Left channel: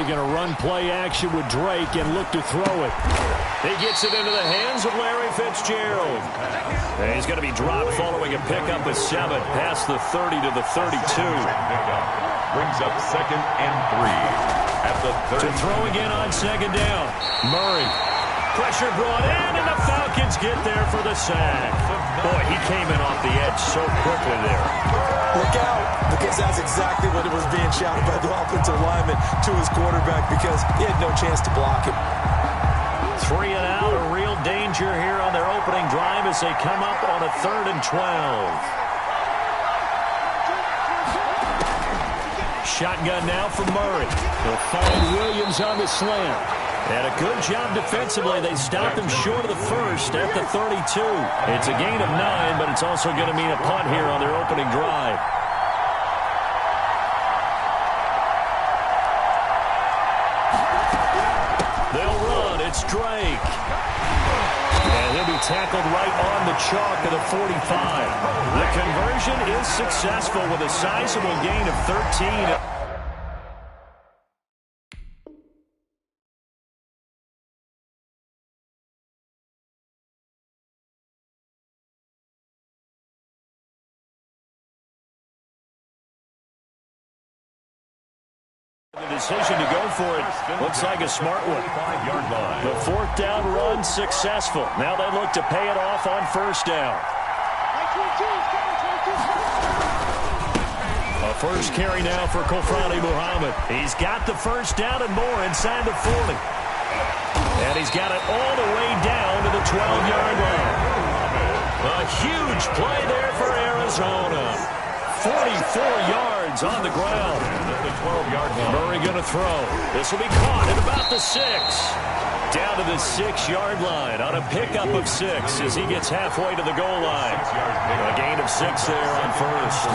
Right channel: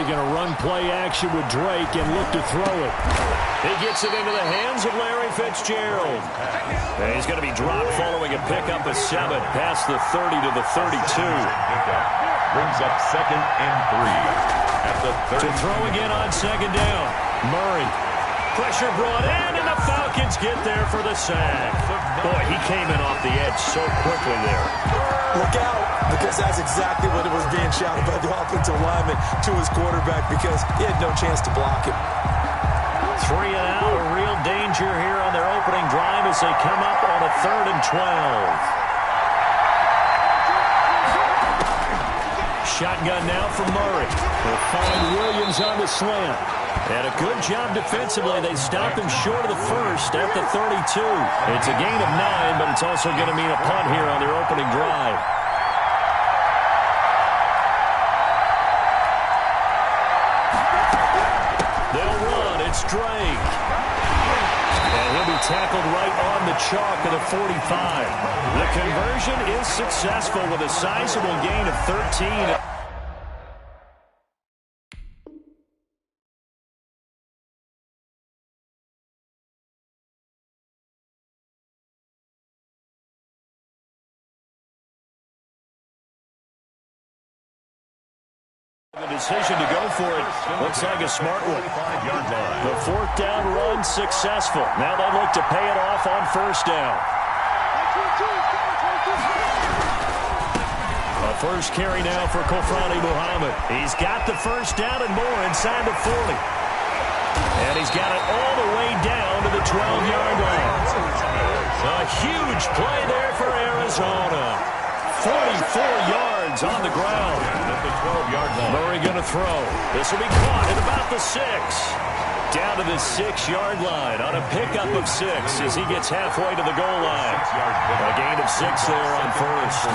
Murray going to run play action with Drake and look to throw it. He gets it into the hands of Larry Fitzgerald. And he's going to be dropped following a pickup of 7 past the 30 to the 32. Brings up 2nd and 3 at the 30. To throw again on 2nd down. Murray. Pressure brought in, and the Falcons get there for the sack. Boy, he came in off the edge so quickly there. Look out, because that's exactly what it was being shouted by the offensive lineman to his quarterback, because he had no chance to block him. 3 and out, a real danger here on their opening drive as they come up on a 3rd and 12. Shotgun now for Murray. They'll find Williams on the slant. And a good job defensively. They stopped him short of the first at the 32. It's a gain of 9, but it's also going to mean a punt here on their opening drive. They'll run. It's Drake. And he'll be tackled right on the chalk of the 45. The conversion is successful with a sizable gain of 13. The decision to go for it looks like a smart one. The 4th down run successful. Now they look to pay it off on 1st down. A first carry now for Kofrani Muhammad. He's got the 1st down and more inside the 40. And he's got it all the way down to the 12-yard line. A huge play there for Arizona. 44 yards on the ground. At the 12-yard line. Murray going to throw. This will be caught at about the 6. Down to the 6-yard line on a pickup of 6 as he gets halfway to the goal line. A gain of 6 there on 1st.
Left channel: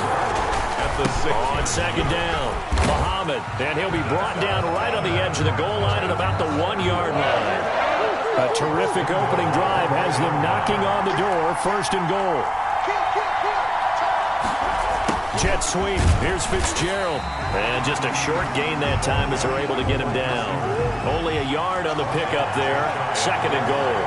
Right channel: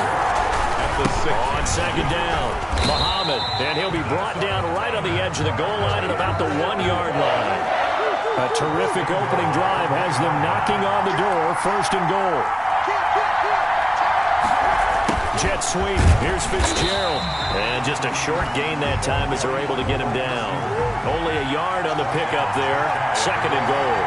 At the 6. On 2nd down, Muhammad. And he'll be brought down right on the edge of the goal line at about the 1-yard line. A terrific opening drive has them knocking on the door. 1st and goal. Jet sweep. Here's Fitzgerald. And just a short gain that time as they're able to get him down. Only a yard on the pickup there. 2nd and goal.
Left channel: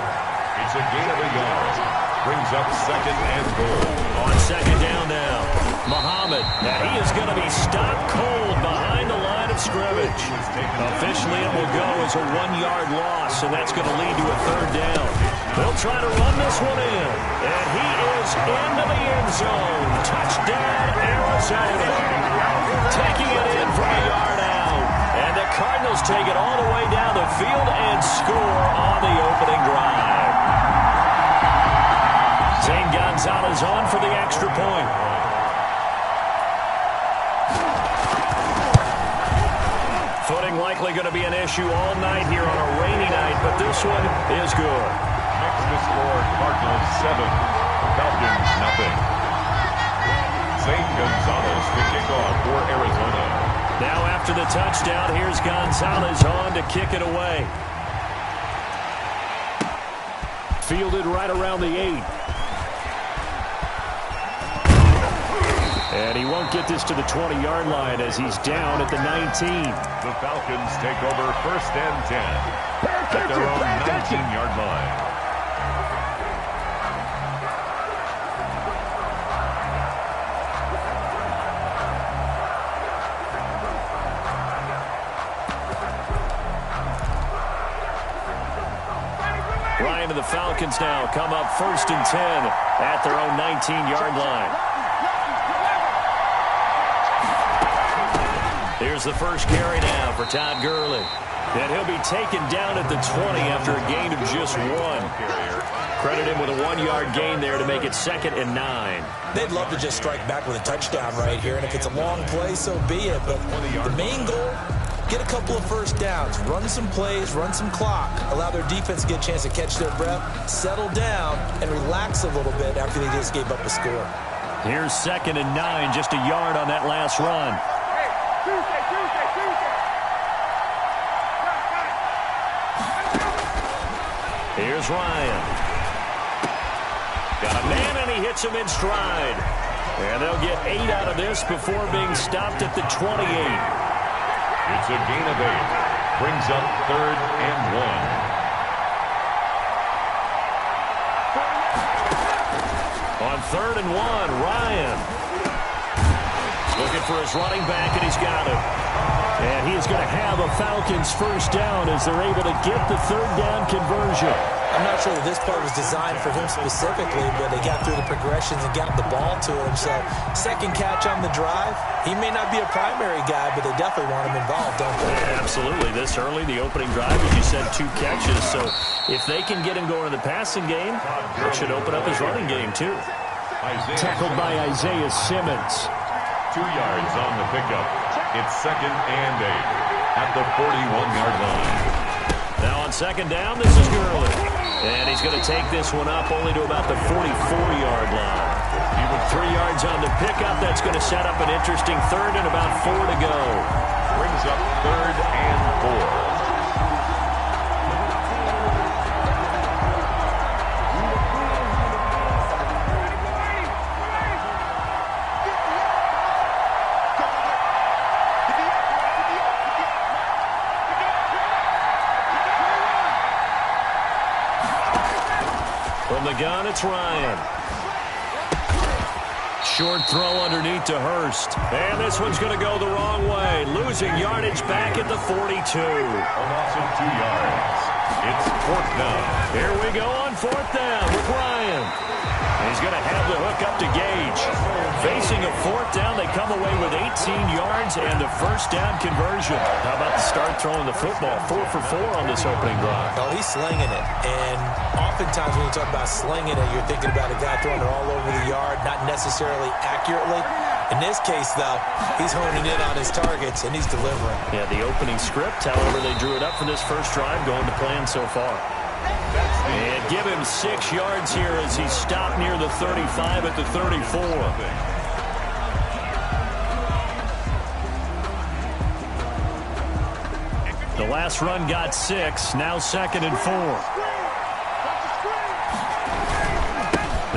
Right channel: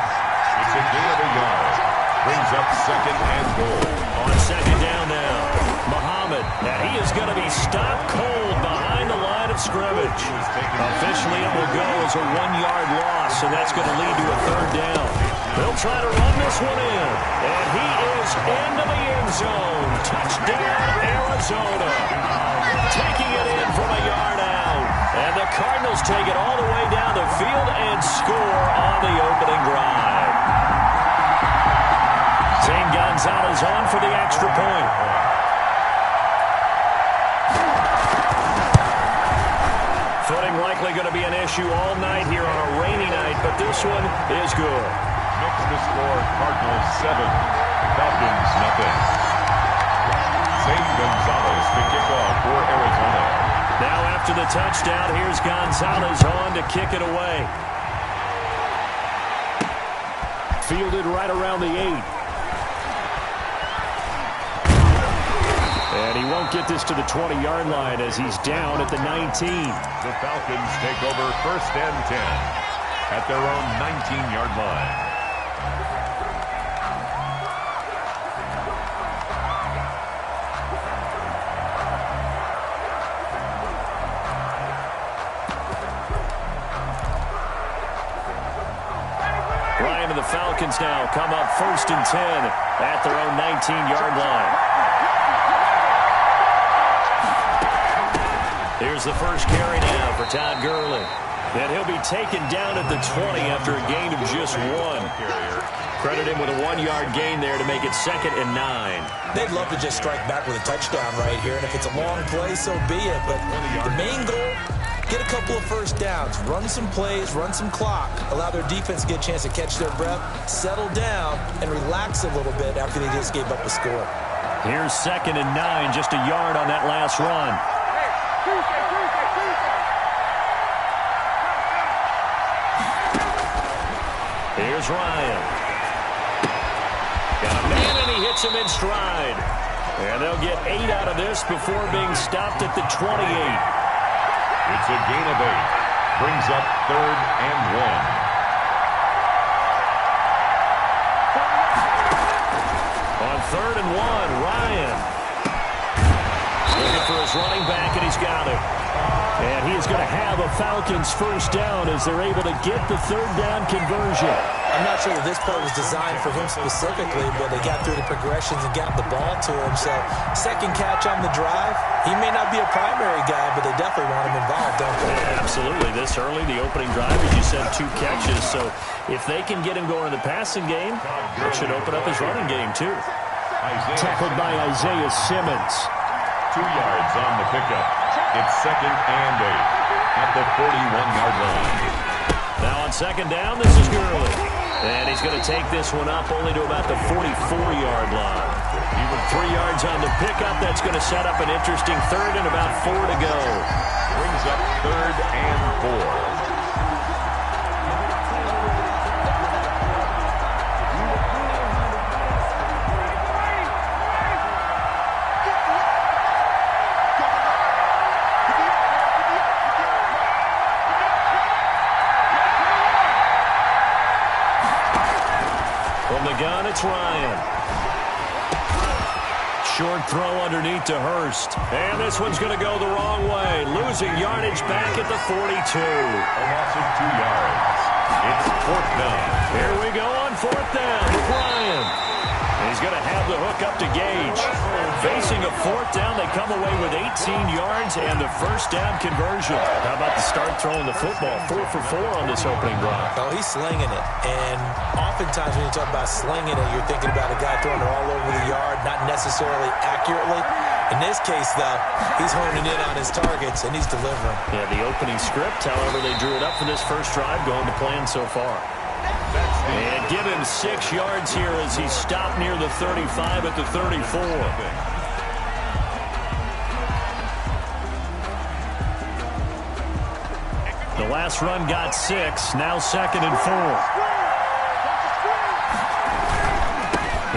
It's a gain of a yard. Brings up 2nd and goal. On 2nd down now. Muhammad. And he is going to be stopped cold behind the line of scrimmage. Officially it will go as a 1-yard loss, and that's going to lead to a 3rd down. They'll try to run this one in. And he is into the end zone. Touchdown, Arizona. Taking it in from a yard out. And the Cardinals take it all the way down the field and score on the opening drive. Zane Gonzalez on for the extra point. Footing likely going to be an issue all night here on a rainy night, but this one is good. Makes the score Cardinals 7, Falcons nothing. Zane Gonzalez to kick off for Arizona. Now after the touchdown, here's Gonzalez on to kick it away. Fielded right around the 8. And he won't get this to the 20-yard line as he's down at the 19. The Falcons take over 1st and 10 at their own 19-yard line. Ryan and the Falcons now come up 1st and 10 at their own 19-yard line. Here's the first carry now for Todd Gurley. And he'll be taken down at the 20 after a gain of just 1. Credit him with a 1-yard gain there to make it 2nd and 9. They'd love to just strike back with a touchdown right here, and if it's a long play, so be it. But the main goal, get a couple of 1st downs, run some plays, run some clock, allow their defense to get a chance to catch their breath, settle down, and relax a little bit after they just gave up a score. Here's 2nd and 9, just a yard on that last run. Here's Ryan. Got a man, and he hits him in stride. And they'll get 8 out of this before being stopped at the 28. It's a gain of 8. Brings up 3rd and 1. On 3rd and 1, Ryan looking for his running back, and he's got it. And he is going to have a Falcons first down as they're able to get the 3rd down conversion. I'm not sure that this play was designed for him specifically, but they got through the progressions and got the ball to him. So, second catch on the drive. He may not be a primary guy, but they definitely want him involved, don't they? Yeah, absolutely. This early, the opening drive, as you said, 2 catches. So, if they can get him going in the passing game, it should open up his running game, too. Tackled by Isaiah Simmons. 2 yards on the pickup. It's 2nd and 8 at the 41-yard line. Now on 2nd down, this is Gurley. And he's going to take this one up only to about the 44-yard line. He with 3 yards on the pickup. That's going to set up an interesting 3rd and about 4 to go. Brings up 3rd and 4. From the gun, it's Ryan. Short throw underneath to Hurst. And this one's going to go the wrong way. Losing yardage back at the 42. A loss of 2 yards. It's 4th down. Here we go on 4th down with Ryan. And he's going to have the hook up to Gage. Facing a 4th down, they come away with 18 yards and the first down conversion. How about the start throwing the football? 4 for 4 on this opening drive. Oh, he's slinging it. And oftentimes when you talk about slinging it, you're thinking about a guy throwing it all over the yard, not necessarily accurately. In this case, though, he's honing in on his targets, and he's delivering. Yeah, the opening script, however, they drew it up for this first drive, going to plan so far. And give him 6 yards here as he stopped near the 35 at the 34. The last run got 6, now 2nd and 4.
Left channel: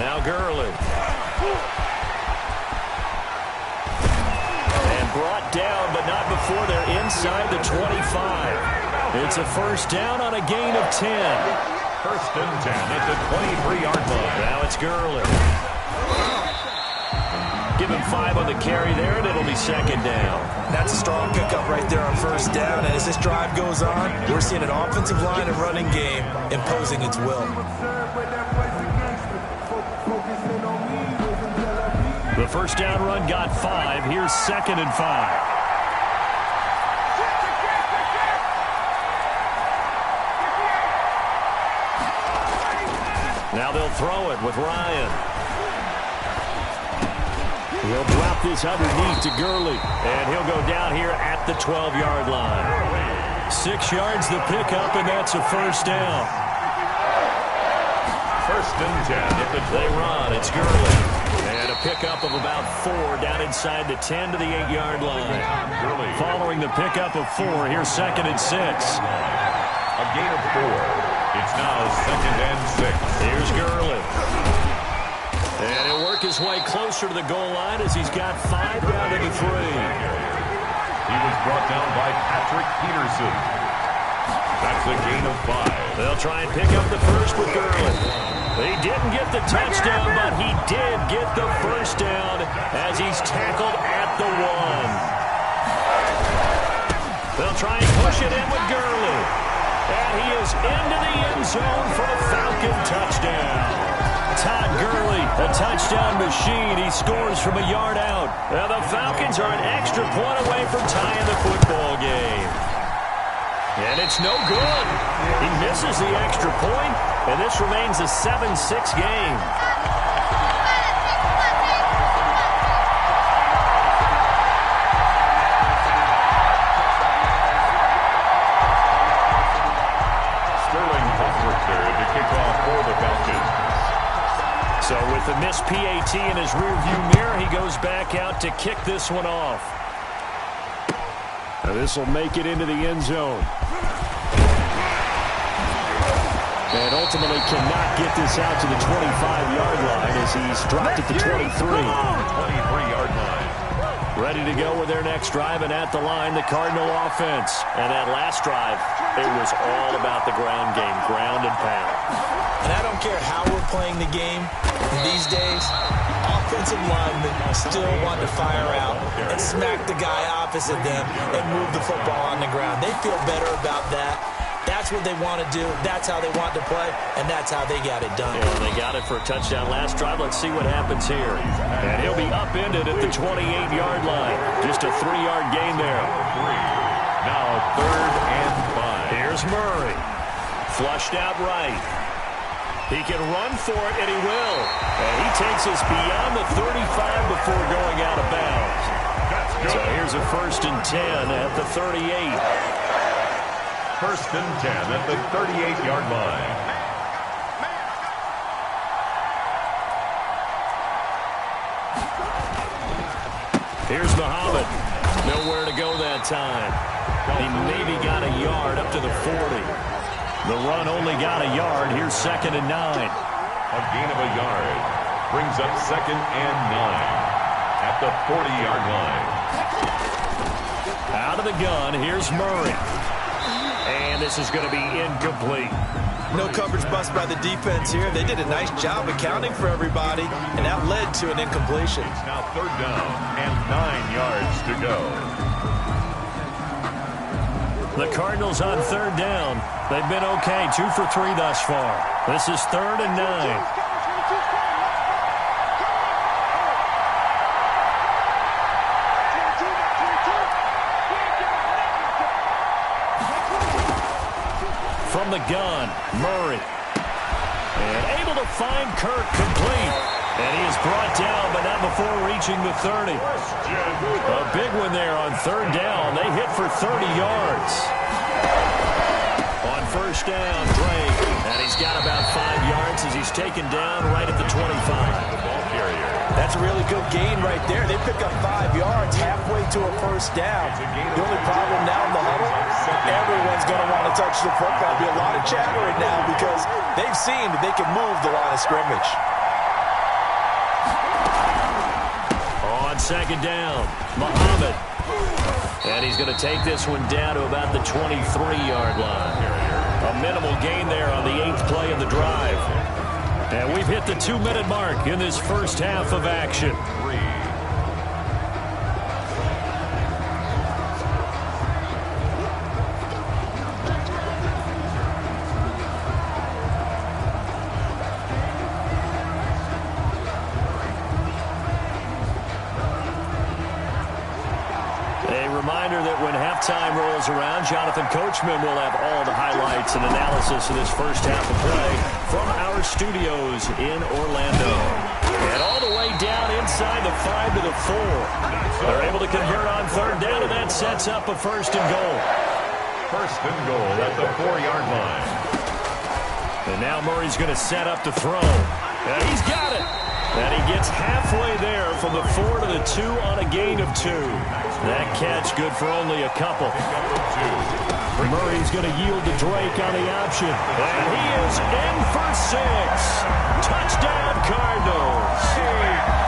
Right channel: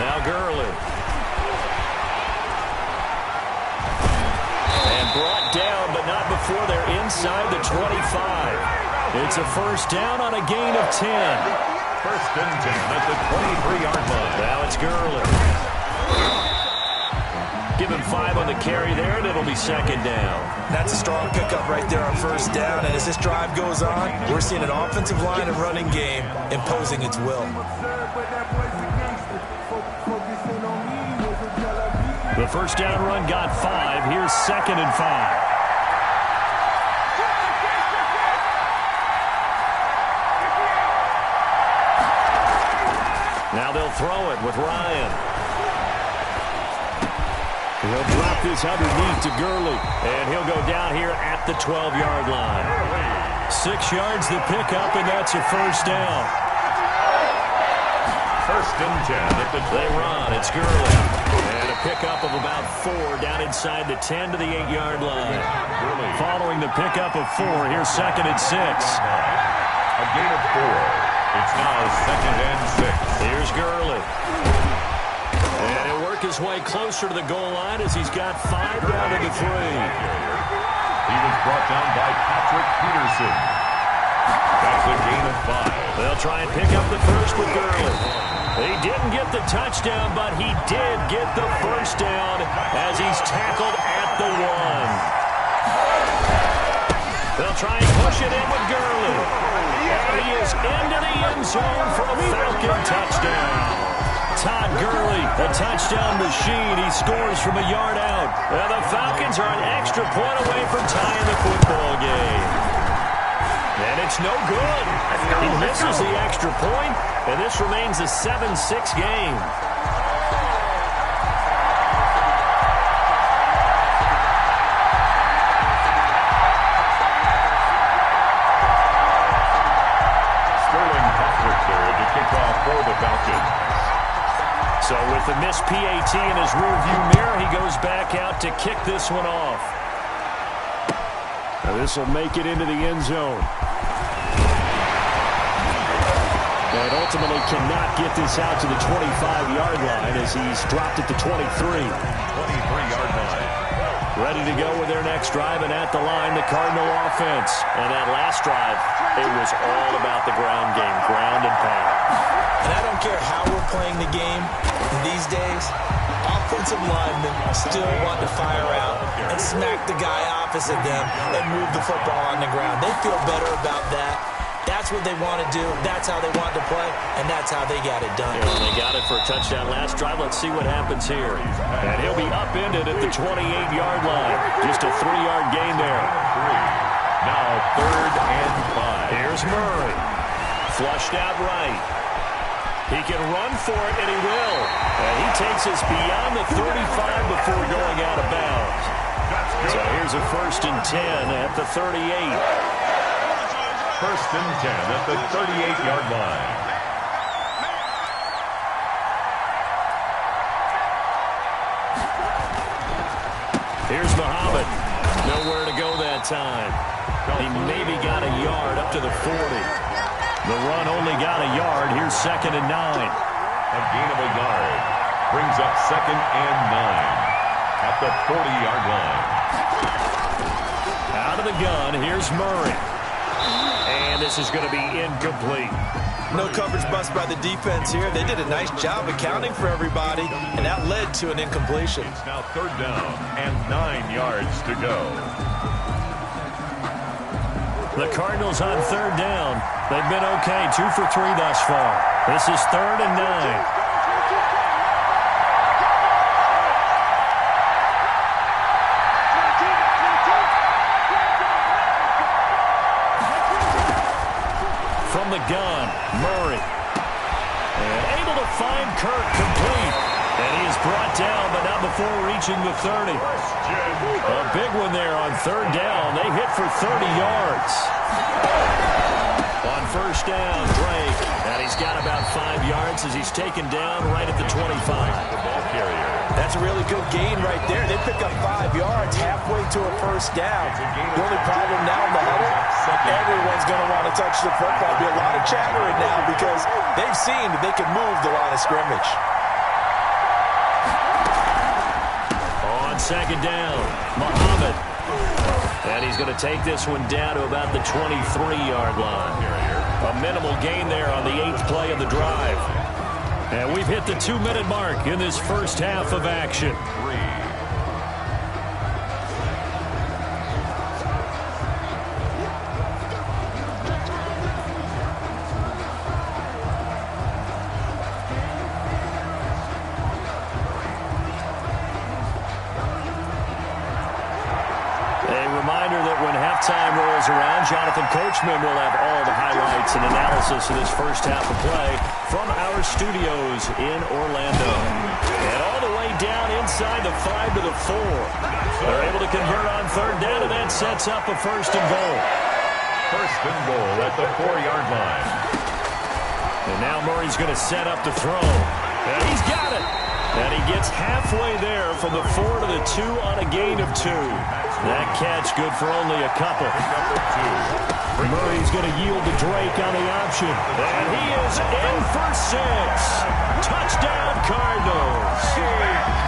Now Gurley. And brought down, but not before they're inside the 25. It's a first down on a gain of 10. 1st and 10 at the 23-yard line. Now it's Gurley. Give him 5 on the carry there, and it'll be 2nd down. That's a strong pickup right there on 1st down. And as this drive goes on, we're seeing an offensive line and running game imposing its will. The first down run got 5. Here's 2nd and 5. Now they'll throw it with Ryan. He'll drop this underneath to Gurley. And he'll go down here at the 12-yard line. 6 yards the pickup, and that's a first down. 1st and 10 at the 12. They run. It's Gurley. And a pickup of about 4 down inside the 10 to the 8-yard line. Following the pickup of 4, here's 2nd and 6. A gain of 4. It's now 2nd and 6. Here's Gurley. And he'll work his way closer to the goal line as he's got 5 down to the 3. He was brought down by Patrick Peterson. That's a gain of 5. They'll try and pick up the first with Gurley. He didn't get the touchdown, but he did get the first down as he's tackled at the 1. They'll try and push it in with Gurley. And he is into the end zone for a Falcon touchdown. Todd Gurley, a touchdown machine. He scores from a yard out. And the Falcons are an extra point away from tying the football game. And it's no good. He misses the extra point, and this remains a 7-6 game. To kick off for the Falcons. So with the missed PAT in his rearview mirror, he goes back out to kick this one off. Now this will make it into the end zone. And ultimately cannot get this out to the 25-yard line as he's dropped at the 23. 23-yard line. Ready to go with their next drive, and at the line, the Cardinal offense. And that last drive, it was all about the ground game, ground and pound. And I don't care how we're playing the game these days, offensive linemen still want to fire out and smack the guy opposite them and move the football on the ground. They feel better about that. That's what they want to do. That's how they want to play, and that's how they got it done. Yeah, they got it for a touchdown last drive. Let's see what happens here. And he'll be upended at the 28-yard line. Just a 3-yard gain there. Now 3rd and 5. Here's Murray. Flushed out right. He can run for it, and he will. And he takes us beyond the 35 before going out of bounds. So here's a 1st and 10 at the 38. 1st and 10 at the 38-yard line. Here's Muhammad. Nowhere to go that time. He maybe got a yard up to the 40. The run only got a yard. Here's 2nd and 9. A gain of a yard. Brings up 2nd and 9 at the 40-yard line. Out of the gun, here's Murray. And this is going to be incomplete. No coverage bust by the defense here. They did a nice job accounting for everybody, and that led to an incompletion. It's now 3rd down and 9 yards to go. The Cardinals on 3rd down. They've been okay, 2 for 3 thus far. This is 3rd and 9. From the gun, Murray. And able to find Kirk complete. And he is brought down, but not before reaching the 30. A big one there on 3rd down. They hit for 30 yards. On 1st down, Drake. And he's got about 5 yards as he's taken down right at the 25. The ball carrier. That's a really good gain right there. They pick up 5 yards halfway to a 1st down. The only problem now in the huddle, everyone's going to want to touch the football. There'll be a lot of chattering now because they've seen that they can move the line of scrimmage. On 2nd down, Muhammad. And he's going to take this one down to about the 23-yard line. A minimal gain there on the 8th play of the drive. And we've hit the 2-minute mark in this first half of action. Reminder that when halftime rolls around, Jonathan Coachman will have all the highlights and analysis of this first half of play from our studios in Orlando. And all the way down inside the 5 to the 4. They're able to convert on 3rd down, and that sets up a 1st and goal. 1st and goal at the 4-yard line. And now Murray's going to set up the throw. And he's got it. And he gets halfway there from the 4 to the 2 on a gain of 2. That catch good for only a couple. Murray's going to yield to Drake on the option. And he is in for 6. Touchdown Cardinals.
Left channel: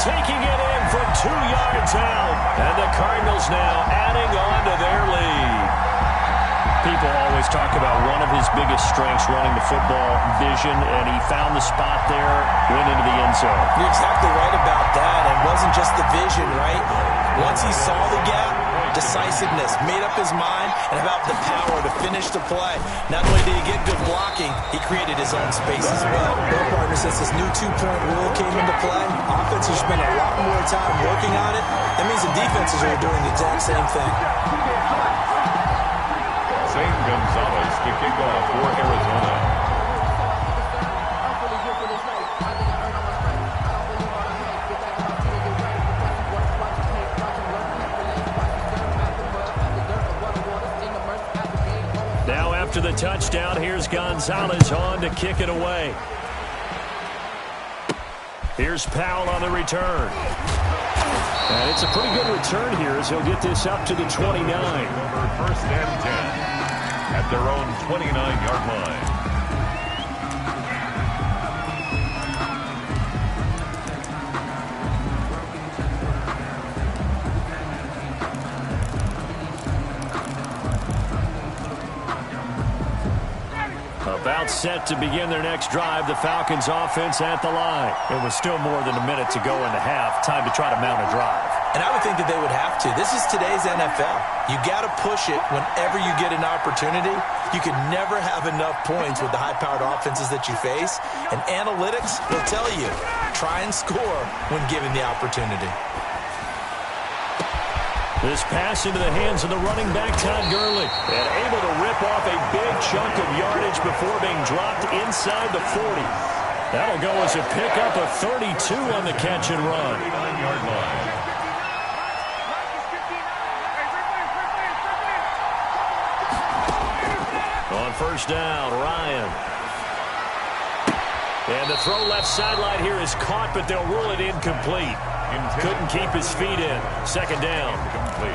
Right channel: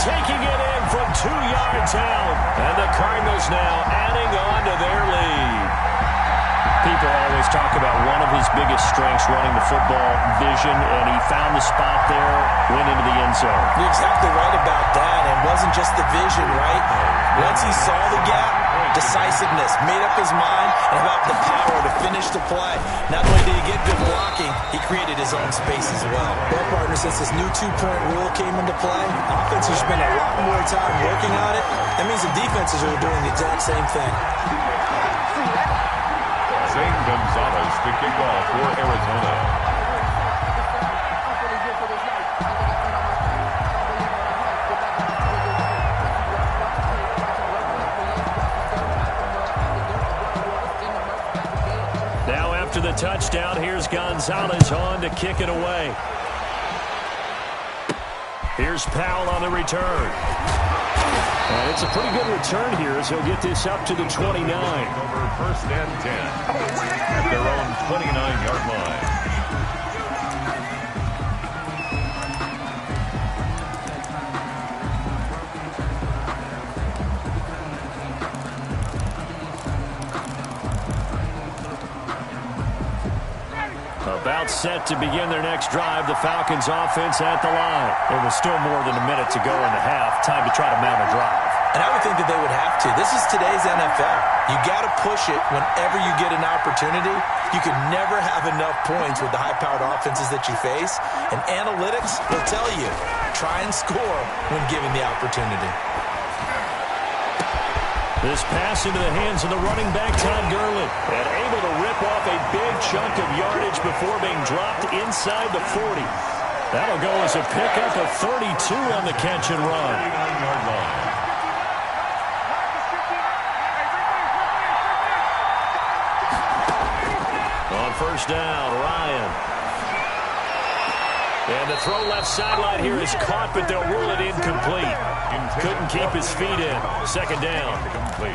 Taking it in from 2 yards out. And the Cardinals now adding on to their lead. People always talk about one of his biggest strengths running the football, vision, and he found the spot there, went into the end zone. You're exactly right about that. It wasn't just the vision, right? Once he saw the gap, decisiveness, made up his mind, and about the power to finish the play. Not only did he get good blocking, he created his own space as well. Well, partner, since this new 2-point rule came into play, offenses spend a lot more time working on it. That means the defenses are doing the exact same thing. Zane Gonzalez to kick off for Arizona. Now after the touchdown, here's Gonzalez on to kick it away. Here's Powell on the return. And it's a pretty good return here as he'll get this up to the 29. Over 1st and 10 at their own 29-yard line. About set to begin their next drive, the Falcons offense at the line. It was still more than a minute to go in the half. Time to try to mount a drive. And I would think that they would have to. This is today's NFL. You got to push it whenever you get an opportunity. You can never have enough points with the high-powered offenses that you face. And analytics will tell you, try and score when given the opportunity. This pass into the hands of the running back, Todd Gurley. And able to rip off a big chunk of yardage before being dropped inside the 40. That'll go as a pickup of 32 on the catch and run. 39-yard line. On first down, Ryan. And the throw left sideline here is caught, but they'll rule it incomplete. Couldn't keep his feet in. Second down.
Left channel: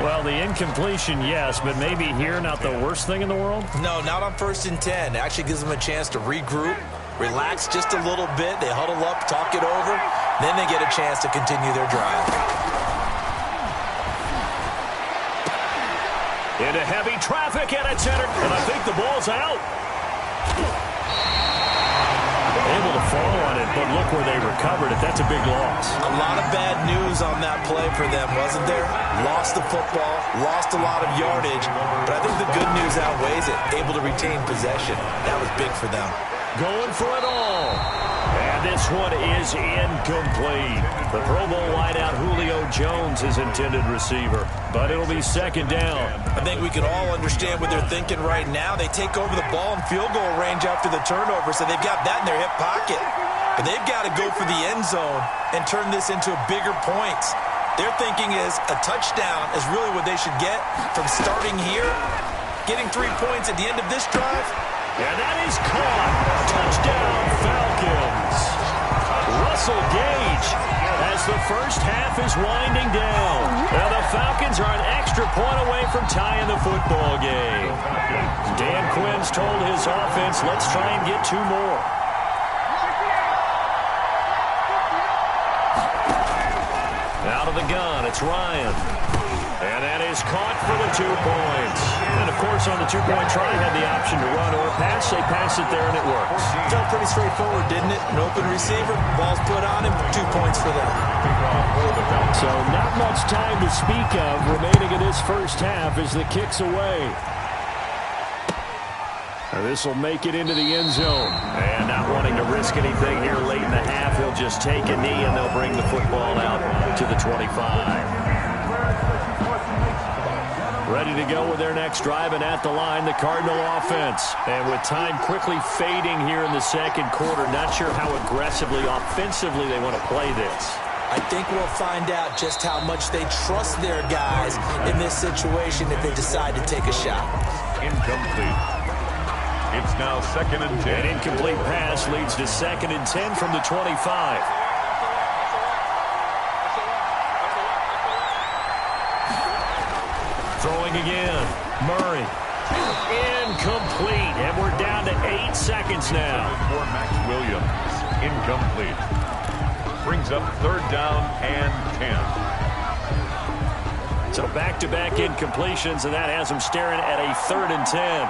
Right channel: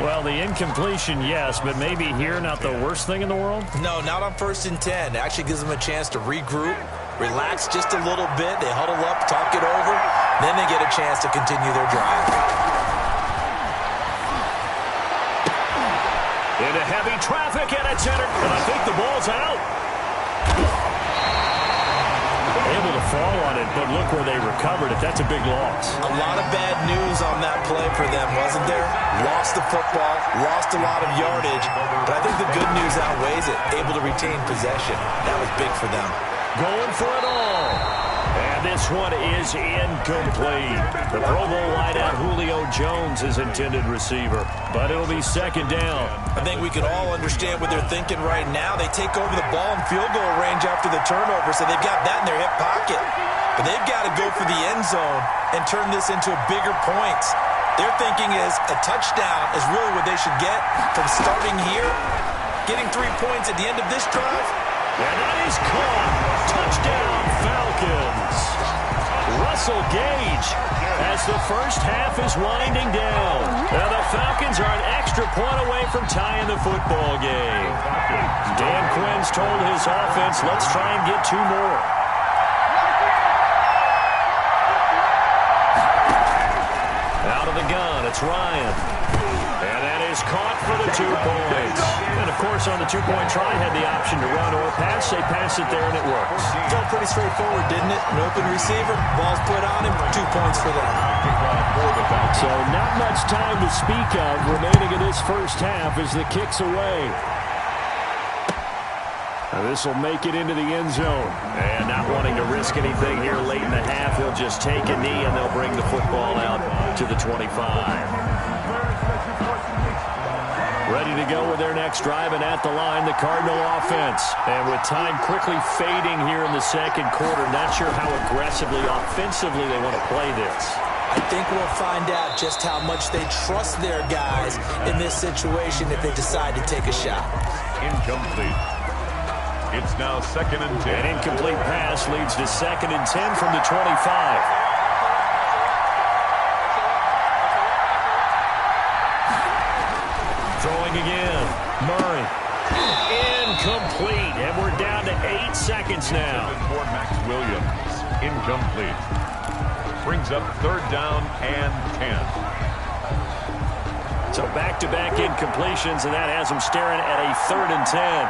Well, the incompletion, yes, but maybe here not the worst thing in the world? No, not on 1st and 10. It actually gives them a chance to regroup, relax just a little bit. They huddle up, talk it over. Then they get a chance to continue their drive. Into heavy traffic, and it's entered. And I think the ball's out. Able to fall on it, but look where they recovered it. That's a big loss. A lot of bad news on that play for them, wasn't there? Lost the football, lost a lot of yardage, but I think the good news outweighs it. Able to retain possession. That was big for them. Going for it all. And this one is incomplete. The Pro Bowl wideout Julio Jones is intended receiver, but it'll be second down. I think we can all understand what they're thinking right now. They take over the ball in field goal range after the turnover, so they've got that in their hip pocket. But they've got to go for the end zone and turn this into bigger points. Their thinking is a touchdown is really what they should get from starting here, getting 3 points at the end of this drive. And that is caught. Touchdown, Falcons. Russell Gage as the first half is winding down. Now the Falcons are an extra point away from tying the football game. Dan Quinn's told his offense, let's try and get 2 more. Out of the gun, it's Ryan. And that is caught for the 2 points. And, of course, on the 2-point try, had the option to run or pass. They pass it there, and it works. Felt pretty straightforward, didn't it? An open receiver, ball's put on him, 2 points for them. So not much time to speak of remaining in this first half as the kick's away. This will make it into the end zone. And not wanting to risk anything here late in the half, he'll just take a knee, and they'll bring the football out to the 25. Ready to go with their next drive, and at the line, the Cardinal offense. And with time quickly fading here in the second quarter, not sure how aggressively, offensively they want to play this. I think we'll find out just how much they trust their guys in this situation if they decide to take a shot. Incomplete. It's now 2nd and 10. An incomplete pass leads to 2nd and 10 from the 25. Throwing again. Murray. Incomplete. And we're down to 8 seconds now. For Max Williams. Incomplete. Brings up 3rd down and 10. So back-to-back incompletions, and that has them staring at a 3rd and 10.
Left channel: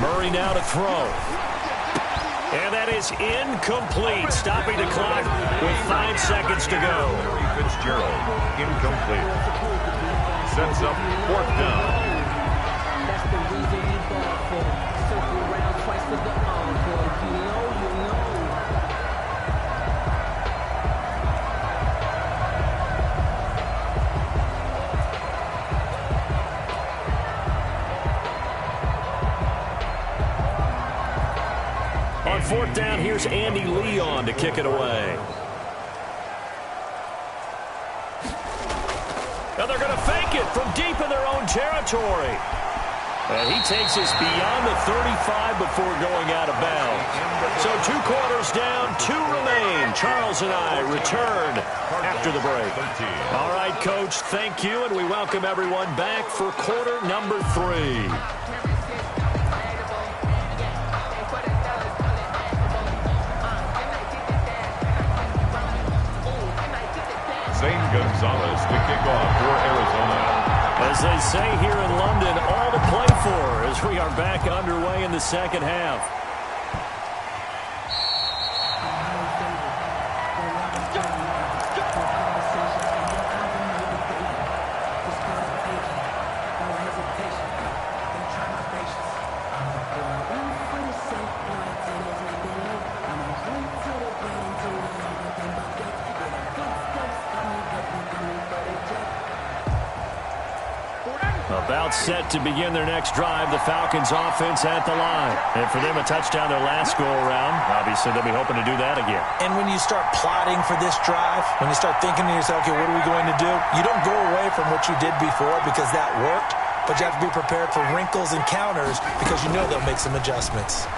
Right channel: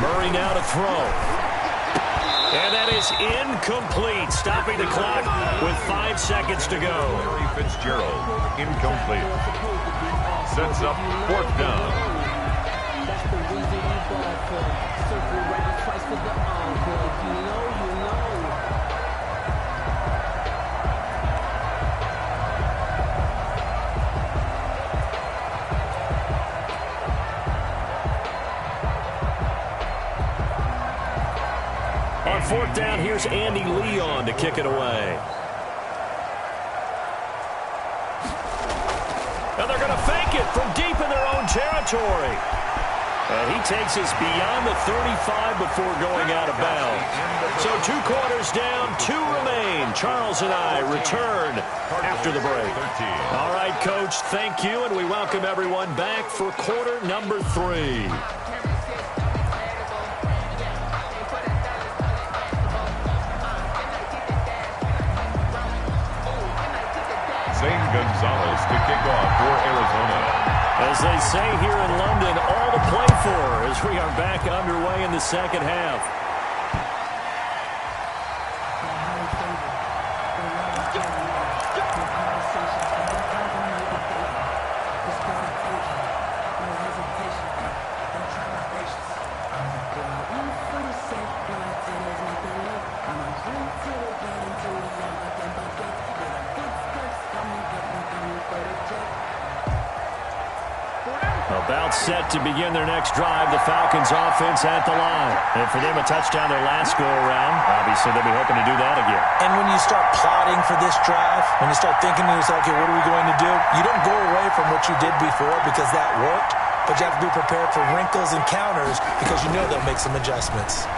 Murray now to throw. And that is incomplete, stopping the clock with 5 seconds to go. Larry Fitzgerald, incomplete. Sets up 4th down. That's the reason we ball for. Circle around twice for the encore. If you know, you know. On 4th down, here's Andy Leon to kick it away. Now they're going to fake it from deep in their own territory. And he takes us beyond the 35 before going out of bounds. So 2 quarters down, 2 remain. Charles and I return after the break. All right, Coach, thank you, and we welcome everyone back for quarter number 3. Zane Gonzalez to kick off for Arizona. As they say here in London, all to play for as we are back underway in the second half. About set to begin their next drive. The Falcons offense at the line. And for them, a touchdown their last go-around. Obviously, they'll be hoping to do that again. And when you start plotting for this drive, when you start thinking to yourself, okay, what are we going to do? You don't go away from what you did before because that worked, but you have to be prepared for wrinkles and counters because you know they'll make some adjustments.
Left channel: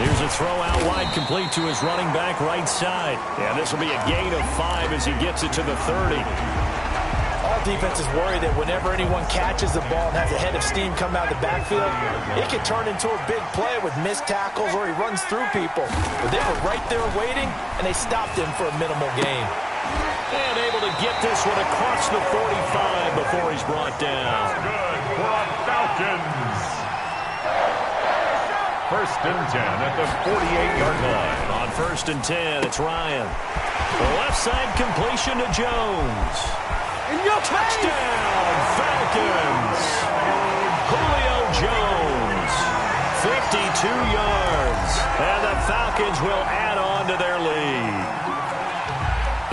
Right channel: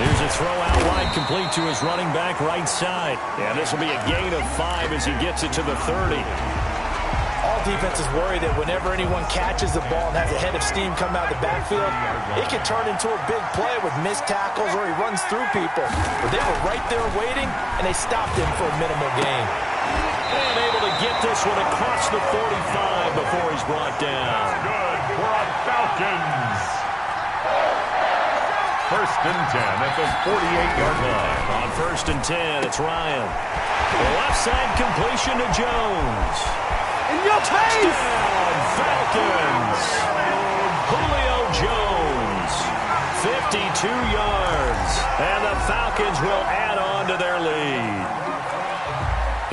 Here's a throw out wide, complete to his running back right side. Yeah, this will be a gain of 5 as he gets it to the 30. All defenses worry that whenever anyone catches the ball and has a head of steam come out of the backfield, it can turn into a big play with missed tackles or he runs through people. But they were right there waiting, and they stopped him for a minimal gain. And able to get this one across the 45 before he's brought down. Good for a Falcons. First and 10 at the 48-yard line. On first and 10, it's Ryan. The left side completion to Jones. In your Touchdown, Falcons! Julio Jones, 52 yards, and the Falcons will add on to their lead.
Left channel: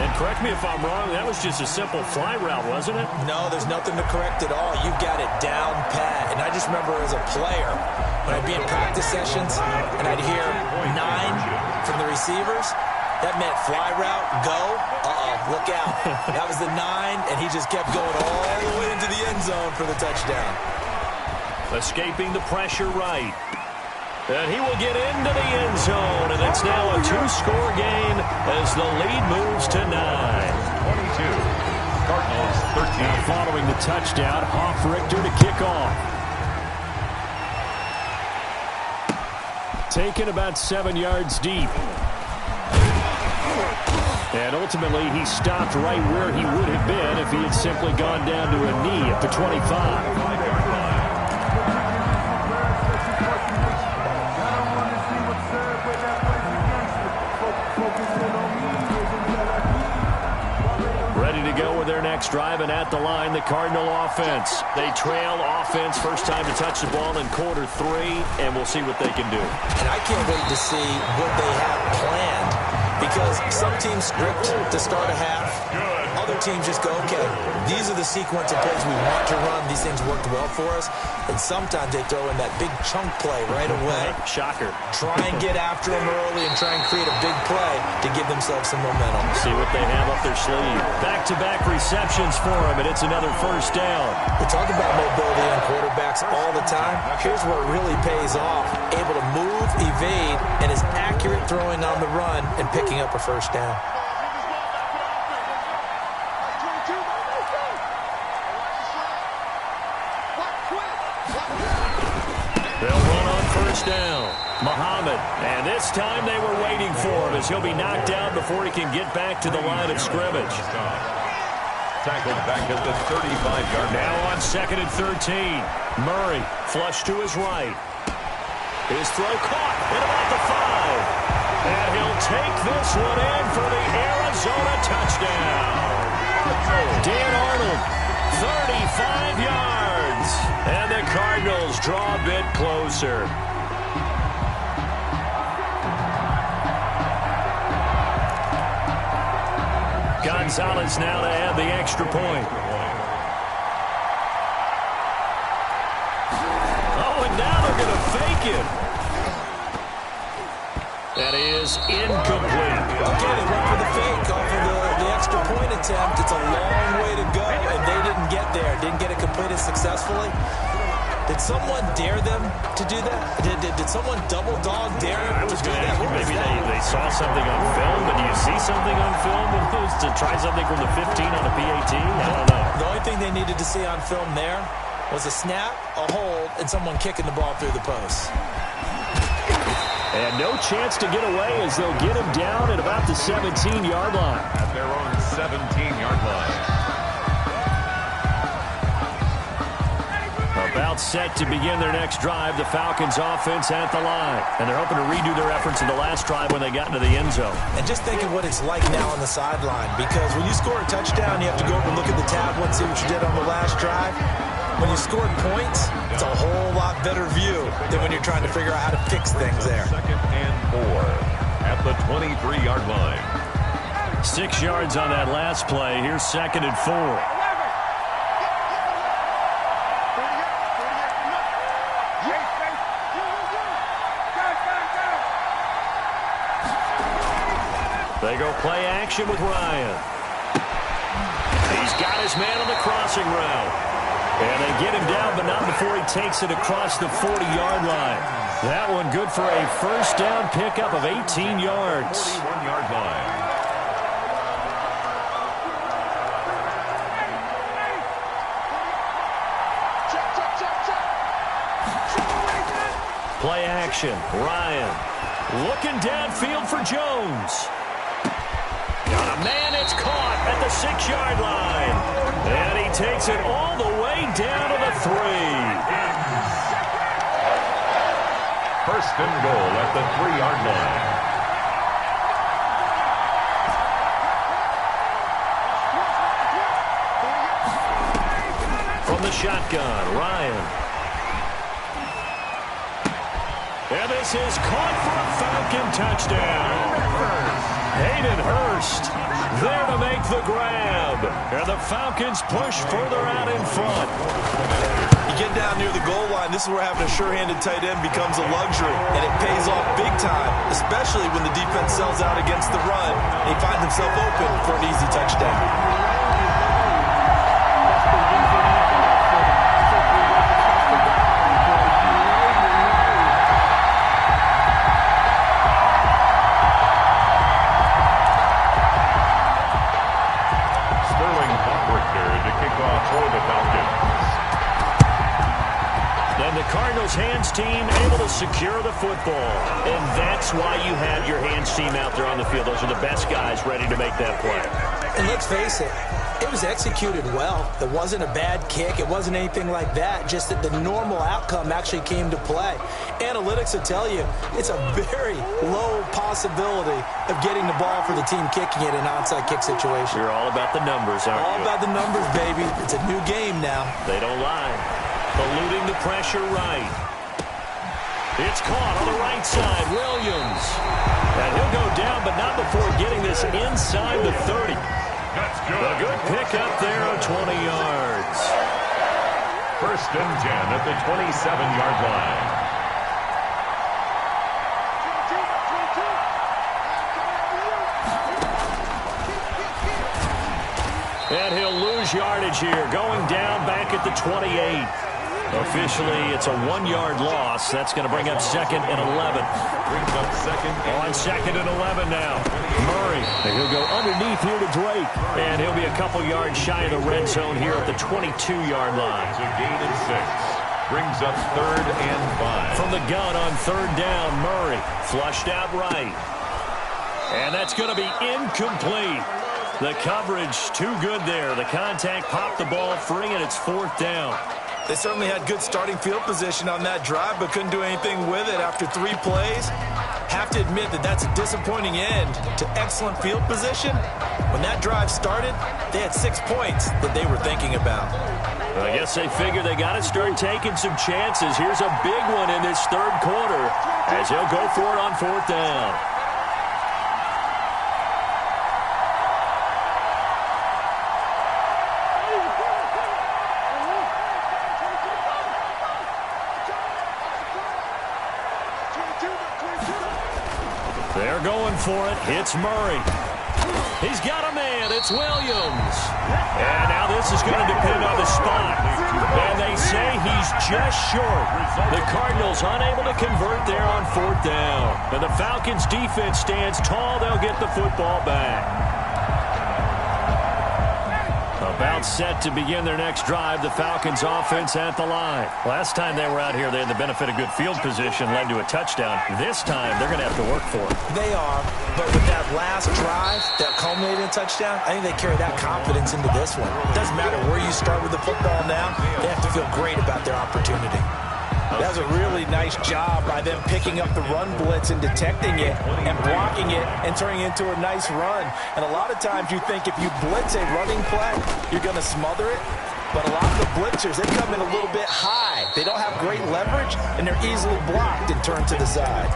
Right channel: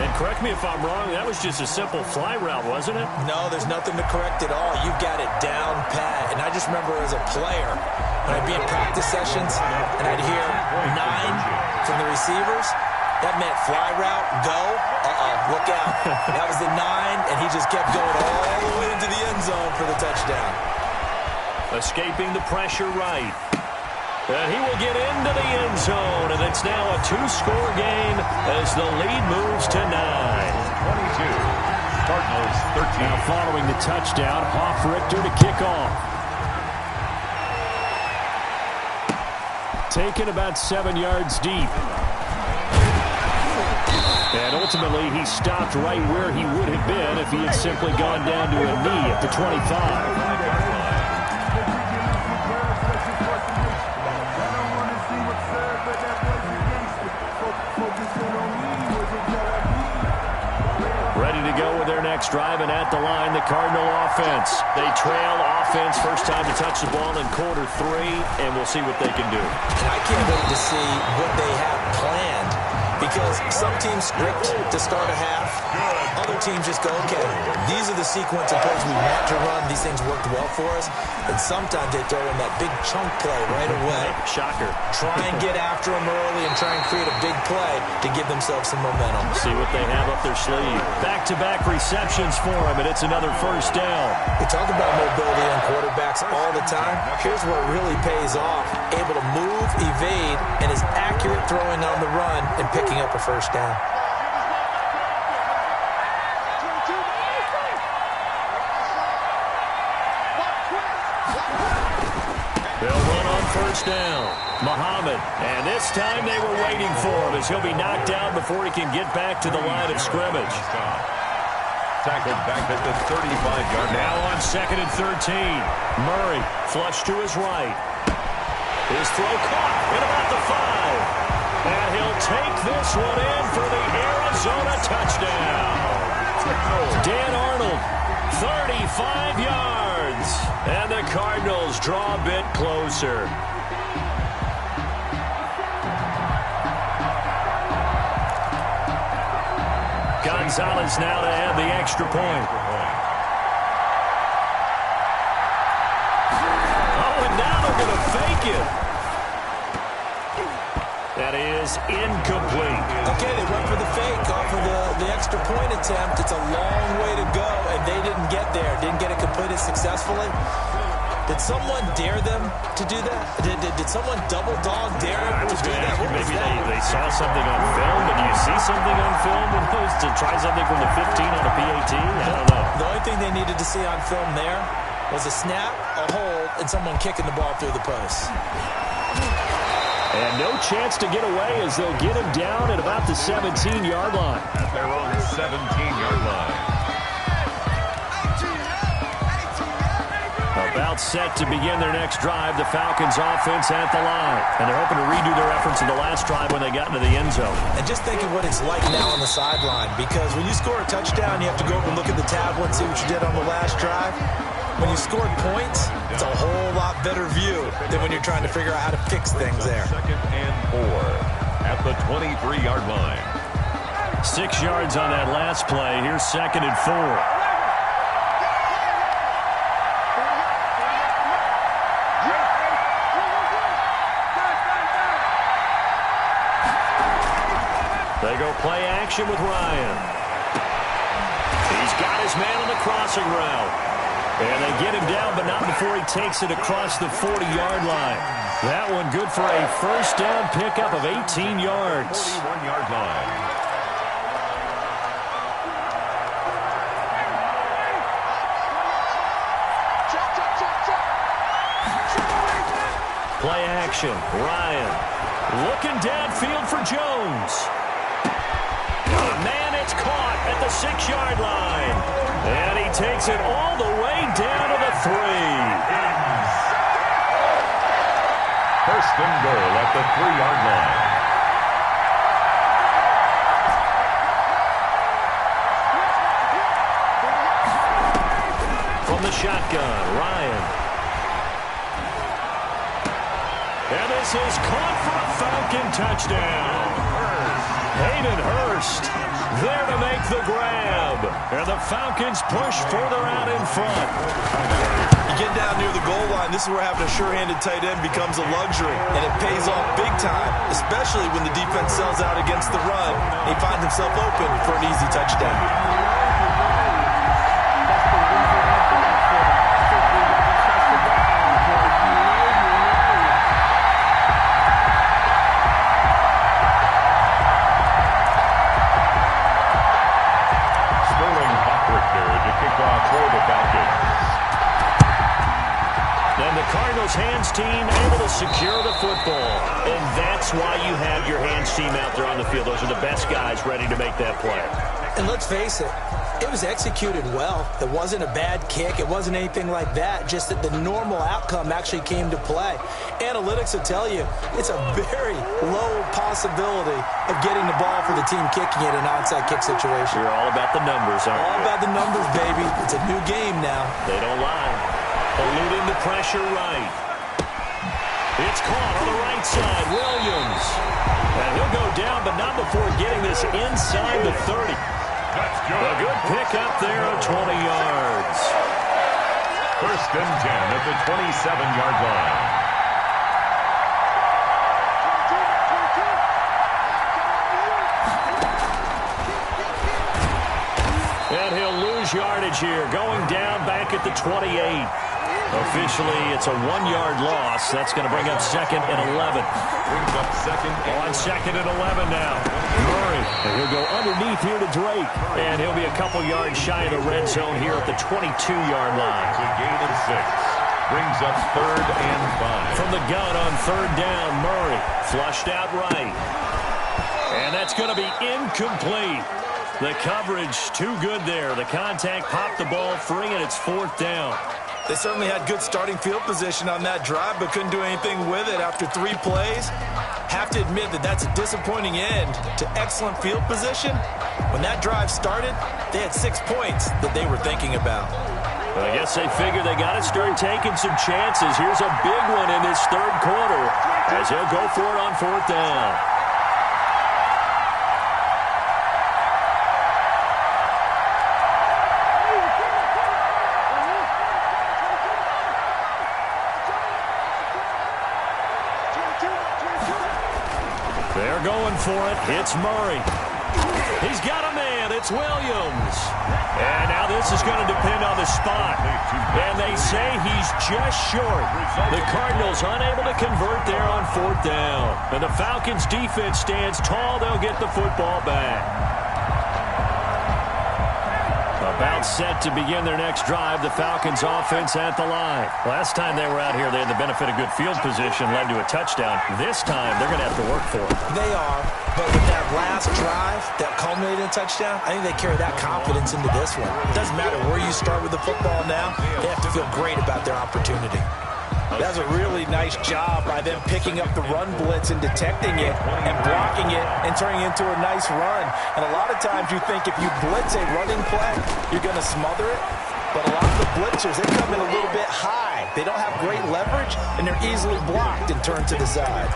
And correct me if I'm wrong, that was just a simple fly route, wasn't it? No, there's nothing to correct at all. You've got it down pat. And I just remember as a player, when I'd be in practice sessions, and I'd hear 9 from the receivers, that meant fly route, go, look out. That was the 9, and he just kept going all the way into the end zone for the touchdown. Escaping the pressure right. And he will get into the end zone, and it's now a 2-score game as the lead moves to 9. 22, Cardinals 13. Now following the touchdown, Hoff-Richter to kick off. Taken about 7 yards deep. And ultimately, he stopped right where he would have been if he had simply gone down to a knee at the 25. 5-yard line. Ready to go with their next drive, and at the line, the Cardinal offense. They trail offense, first time to touch the ball in quarter 3, and we'll see what they can do. And I can't wait to see what they have planned. Because some teams script to start a half. Other teams just go, okay, these are the sequence of plays we want to run. These things worked well for us. And sometimes they throw in that big chunk play right away. Shocker. Try and get after them early and try and create a big play to give themselves some momentum. See what they have up their sleeve. Back-to-back receptions for him, and it's another first down. We talk about mobility on quarterbacks all the time. Here's where it really pays off. Able to move, evade, and is accurate throwing on the run and picking up a first down. They'll run on first down. Muhammad, and this time they were waiting for him as he'll be knocked down before he can get back to the line of scrimmage. Tackled back at the 35-yard line. Now on second and 13. Murray, flush to his right. His throw caught at about the 5. And he'll take this one in for the Arizona touchdown. Dan Arnold, 35 yards. And the Cardinals draw a bit closer. Gonzalez now to add the extra point. Oh, and now they're going to fake it. That is incomplete. Okay, they went for the fake off of the extra point attempt. It's a long way to go, and they didn't get there. Didn't get it completed successfully. Did someone dare them to do that? Did someone double dog dare them to do that? Maybe they saw something on film, but do you see something on film when those to try something from the 15 on a PAT? I don't know. The only thing they needed to see on film there was a snap, a hold, and someone kicking the ball through the post. And no chance to get away as they'll get him down at about the 17-yard line. At their own 17-yard line. About set to begin their next drive, the Falcons offense at the line. And they're hoping to redo their efforts in the last drive when they got into the end zone. And just think of what it's like now on the sideline, because when you score a touchdown, you have to go over and look at the tablet and see what you did on the last drive. When you scored points, it's a whole lot better view than when you're trying to figure out how to fix things there. 2nd and 4 at the 23-yard line. 6 yards on that last play. Here's 2nd and 4. They go play action with Ryan. He's got his man on the crossing route. And they get him down, but not before he takes it across the 40-yard line. That one good for a first down pickup of 18 yards. 41-yard line. Play action. Ryan looking downfield for Jones. Got a man, it's caught at the 6-yard line. And he takes it all the way down to the 3. First and goal at the 3-yard line. From the shotgun, Ryan. And this is caught for a Falcon touchdown. Hayden Hurst there to make the grab. And the Falcons push further out in front. You get down near the goal line, this is where having a sure-handed tight end becomes a luxury, and it pays off big time, especially when the defense sells out against the run, and he finds himself open for an easy touchdown. For the Falcons. And the Cardinals hands team able to secure the football. And that's why you have your hands team out there on the field. Those are the best guys ready to make that play. And let's face it, it was executed well. It wasn't a bad kick. It wasn't anything like that. Just that the normal outcome actually came to play. Analytics will tell you it's a very low possibility of getting the ball for the team kicking it in an onside kick situation. You're all about the numbers, aren't you? All about the numbers, baby. It's a new game now. They don't lie. Eluding the pressure right. It's caught on the right side. Williams. And he'll go down, but not before getting this inside the 30. That's good. A good pickup there of 20 yards. First and 10 at the 27-yard line. And he'll lose yardage here, going down back at the 28. Officially, it's a 1-yard loss. That's going to bring up 2nd and 11. Brings up 2nd and 2nd and 11 now. Murray, and he'll go underneath here to Drake. And he'll be a couple yards shy of the red zone here at the 22-yard line. It's a gain of 6. Brings up 3rd and 5. From the gun on 3rd down, Murray flushed out right. And that's going to be incomplete. The coverage too good there. The contact popped the ball free, and it's 4th down. They certainly had good starting field position on that drive, but couldn't do anything with it after 3 plays. Have to admit that that's a disappointing end to excellent field position. When that drive started, they had 6 points that they were thinking about. Well, I guess they figured they got to start taking some chances. Here's a big one in this 3rd quarter as he'll go for it on 4th down. They're going for it. It's Murray. He's got a man. It's Williams. And now this is going to depend on the spot. And they say he's just short. The Cardinals unable to convert there on 4th down. And the Falcons defense stands tall. They'll get the football back. About set to begin their next drive, the Falcons offense at the line. Last time they were out here, they had the benefit of good field position, led to a touchdown. This time, they're going to have to work for it. They are, but with that last drive that culminated in a touchdown, I think they carry that confidence into this one. It doesn't matter where you start with the football now, they have to feel great about their opportunity. That's a really nice job by them picking up the run blitz and detecting it and blocking it and turning it into a nice run. And a lot of times you think if you blitz a running play, you're going to smother it. But a lot of the blitzers, they come in a little bit high. They don't have great leverage, and they're easily blocked and turned to the side.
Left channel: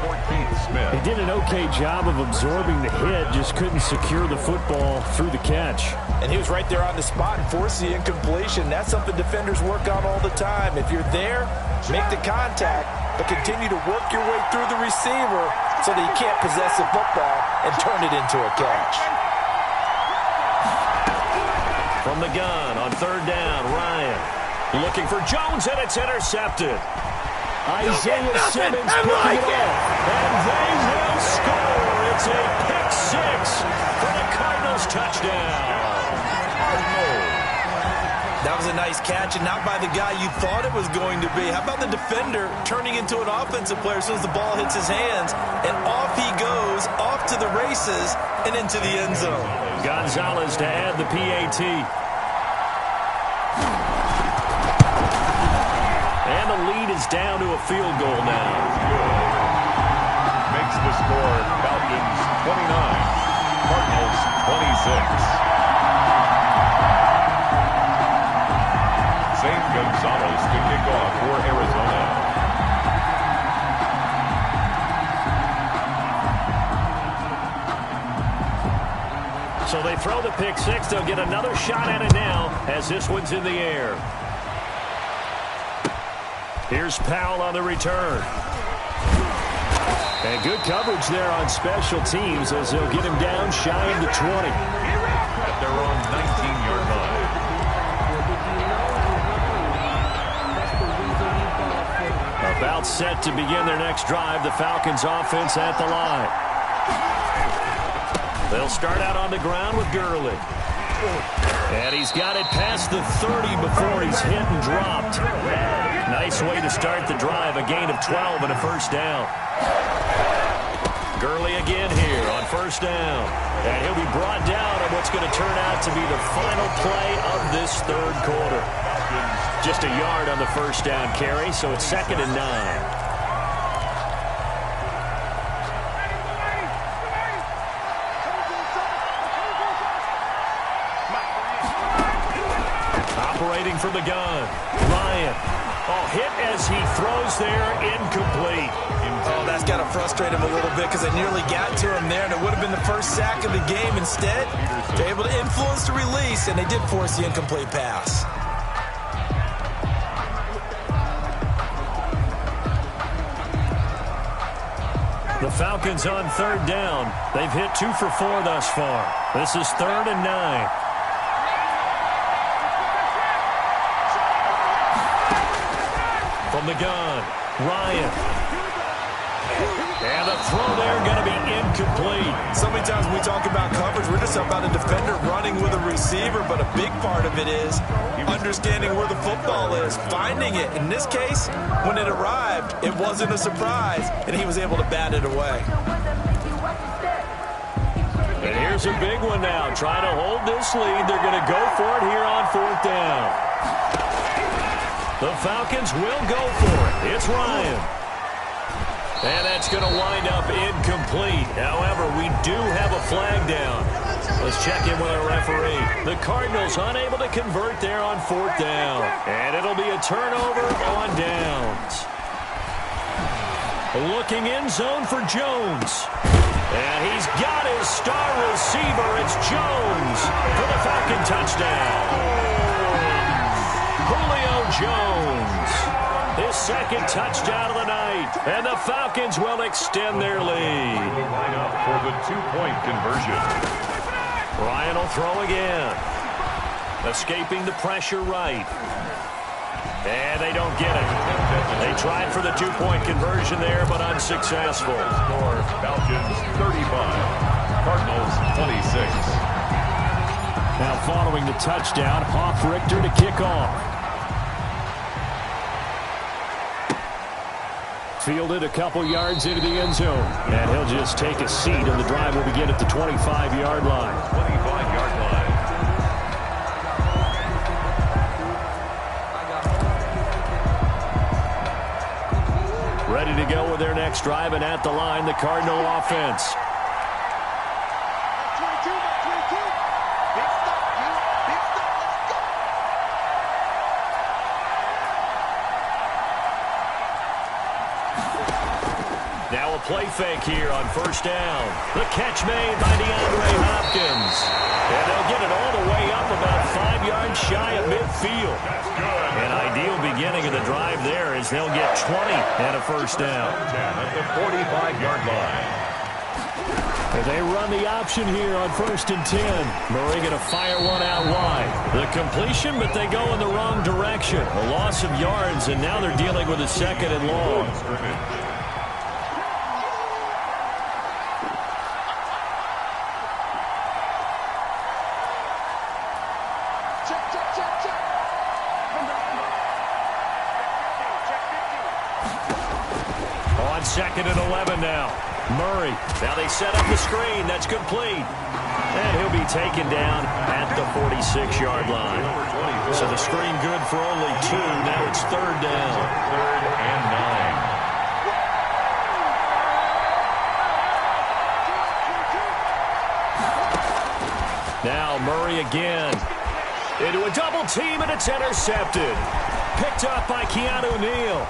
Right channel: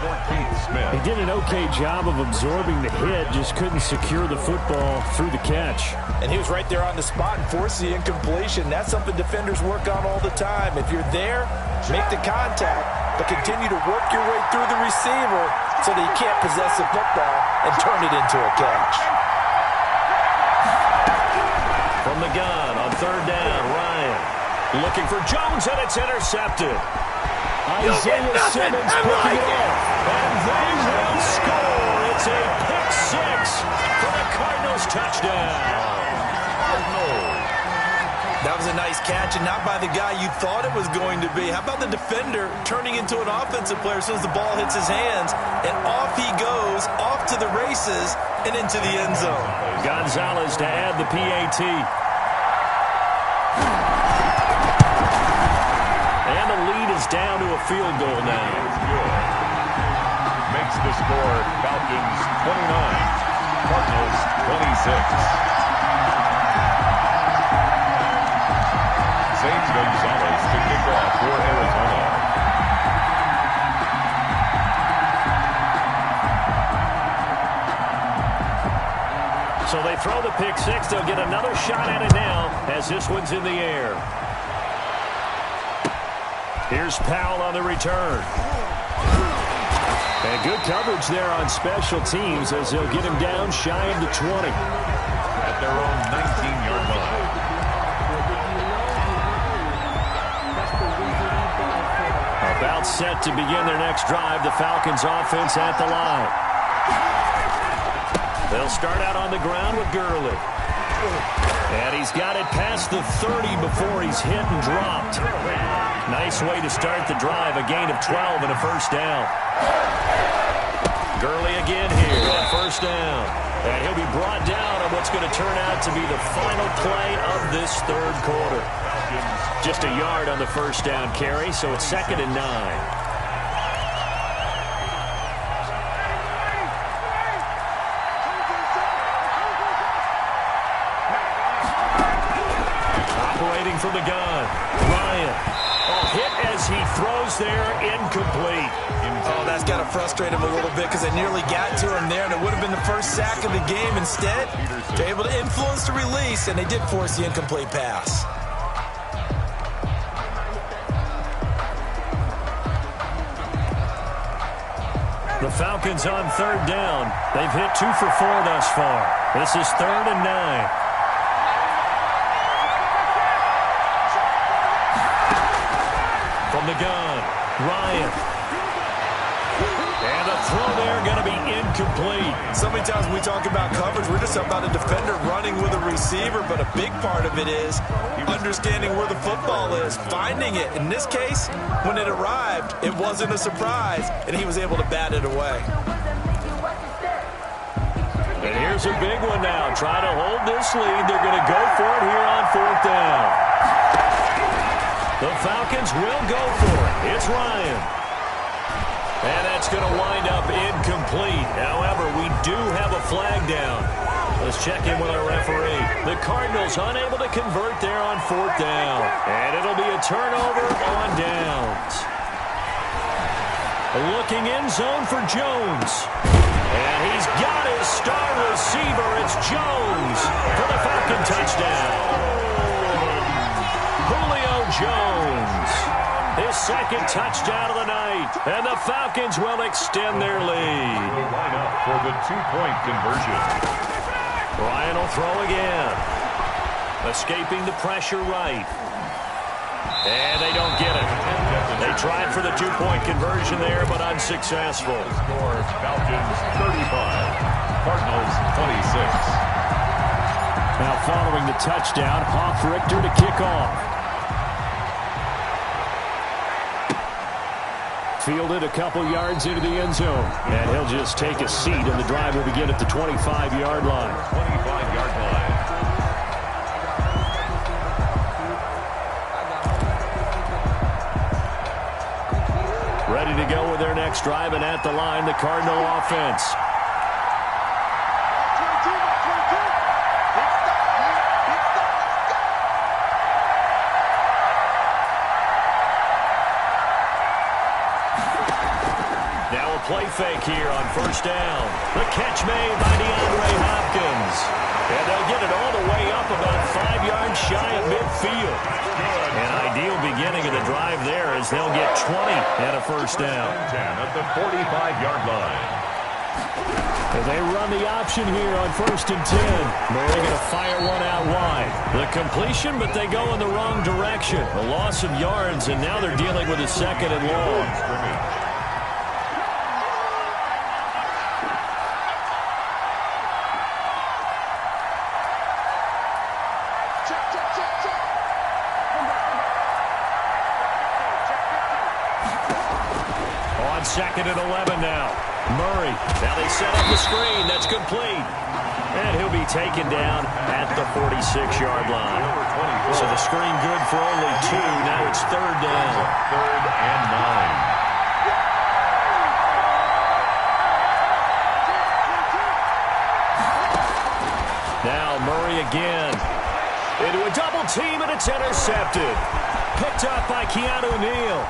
He did an okay job of absorbing the hit, just couldn't secure the football through the catch. And he was right there on the spot and forced the incompletion. That's something defenders work on all the time. If you're there, make the contact, but continue to work your way through the receiver so that you can't possess the football and turn it into a catch. From the gun on third down, Ryan looking for Jones, and it's intercepted. Isaiah Simmons picking it off, and they will score. It's a pick six for the Cardinals touchdown. That was a nice catch, and not by the guy you thought it was going to be. How about the defender turning into an offensive player as soon as the ball hits his hands, and off he goes, off to the races, and into the end zone. Gonzalez to add the PAT. And the lead is down to a field goal now. Makes the score Falcons 29, Cardinals 26. Zane Gonzalez to kick off for Arizona. So they throw the pick six. They'll get another shot at it now as this one's in the air. Here's Powell on the return. And good coverage there on special teams as they'll get him down shy of the 20. At their own 19-yard line. About set to begin their next drive, the Falcons offense at the line. They'll start out on the ground with Gurley. And he's got it past the 30 before he's hit and dropped. Nice way to start the drive, a gain of 12 and a first down. Gurley again here on first down. And he'll be brought down on what's going to turn out to be the final play of this third quarter. Just a yard on the first down carry, so it's 2nd and 9. Operating from the gun, Ryan. Oh, hit as he throws there, incomplete. Oh, that's got to frustrate him a little bit because they nearly got to him there, and it would have been the first sack of the game. Instead, they're able to influence the release, and they did force the incomplete pass. The Falcons on third down. They've hit 2 for 4 thus far. This is 3rd and 9. From the gun, Ryan. And the throw there going to be incomplete. So many times when we talk about coverage, we're just about a defender running with a receiver, but a big part of it is understanding where the football is, finding it. In this case, when it arrived, it wasn't a surprise, and he was able to bat it away. And here's a big one now. Try to hold this lead. They're going to go for it here on 4th down. The Falcons will go for it. It's Ryan. And that's going to wind up incomplete. However, we do have a flag down. Let's check in with our referee. The Cardinals unable to convert there on 4th down. And it'll be a turnover on downs. Looking in zone for Jones. And he's got his star receiver. It's Jones for the Falcon touchdown. Julio Jones, his 2nd touchdown of the night, and the Falcons will extend their lead. Line up for the 2-point conversion. Ryan will throw again, escaping the pressure right. And they don't get it. They tried for the 2-point conversion there, but unsuccessful. Score Falcons 35, Cardinals 26. Now following the touchdown, Hofrichter to kick off. Fielded a couple yards into the end zone. And he'll just take a seat, and the drive will begin at the 25-yard line. 25-yard line. Ready to go with their next drive, and at the line, the Cardinal offense. Now a play fake here on first down. The catch made by DeAndre Hopkins. And they'll get it all the way up about 5 yards shy of midfield. An ideal beginning of the drive there as they'll get 20 and a first down. 10 at the 45-yard line. And they run the option here on 1st and 10. Murray going to fire one out wide. The completion, but they go in the wrong direction. A loss of yards, and now they're dealing with a 2nd and long. Scrimmage. On 2nd and 11 now. Murray. Now they set up the screen. That's complete. And he'll be taken down at the 46-yard line. So the screen good for only 2. Now it's 3rd down. 3rd and 9. Now Murray again. Into a double team, and it's intercepted. Picked up by Keanu Neal.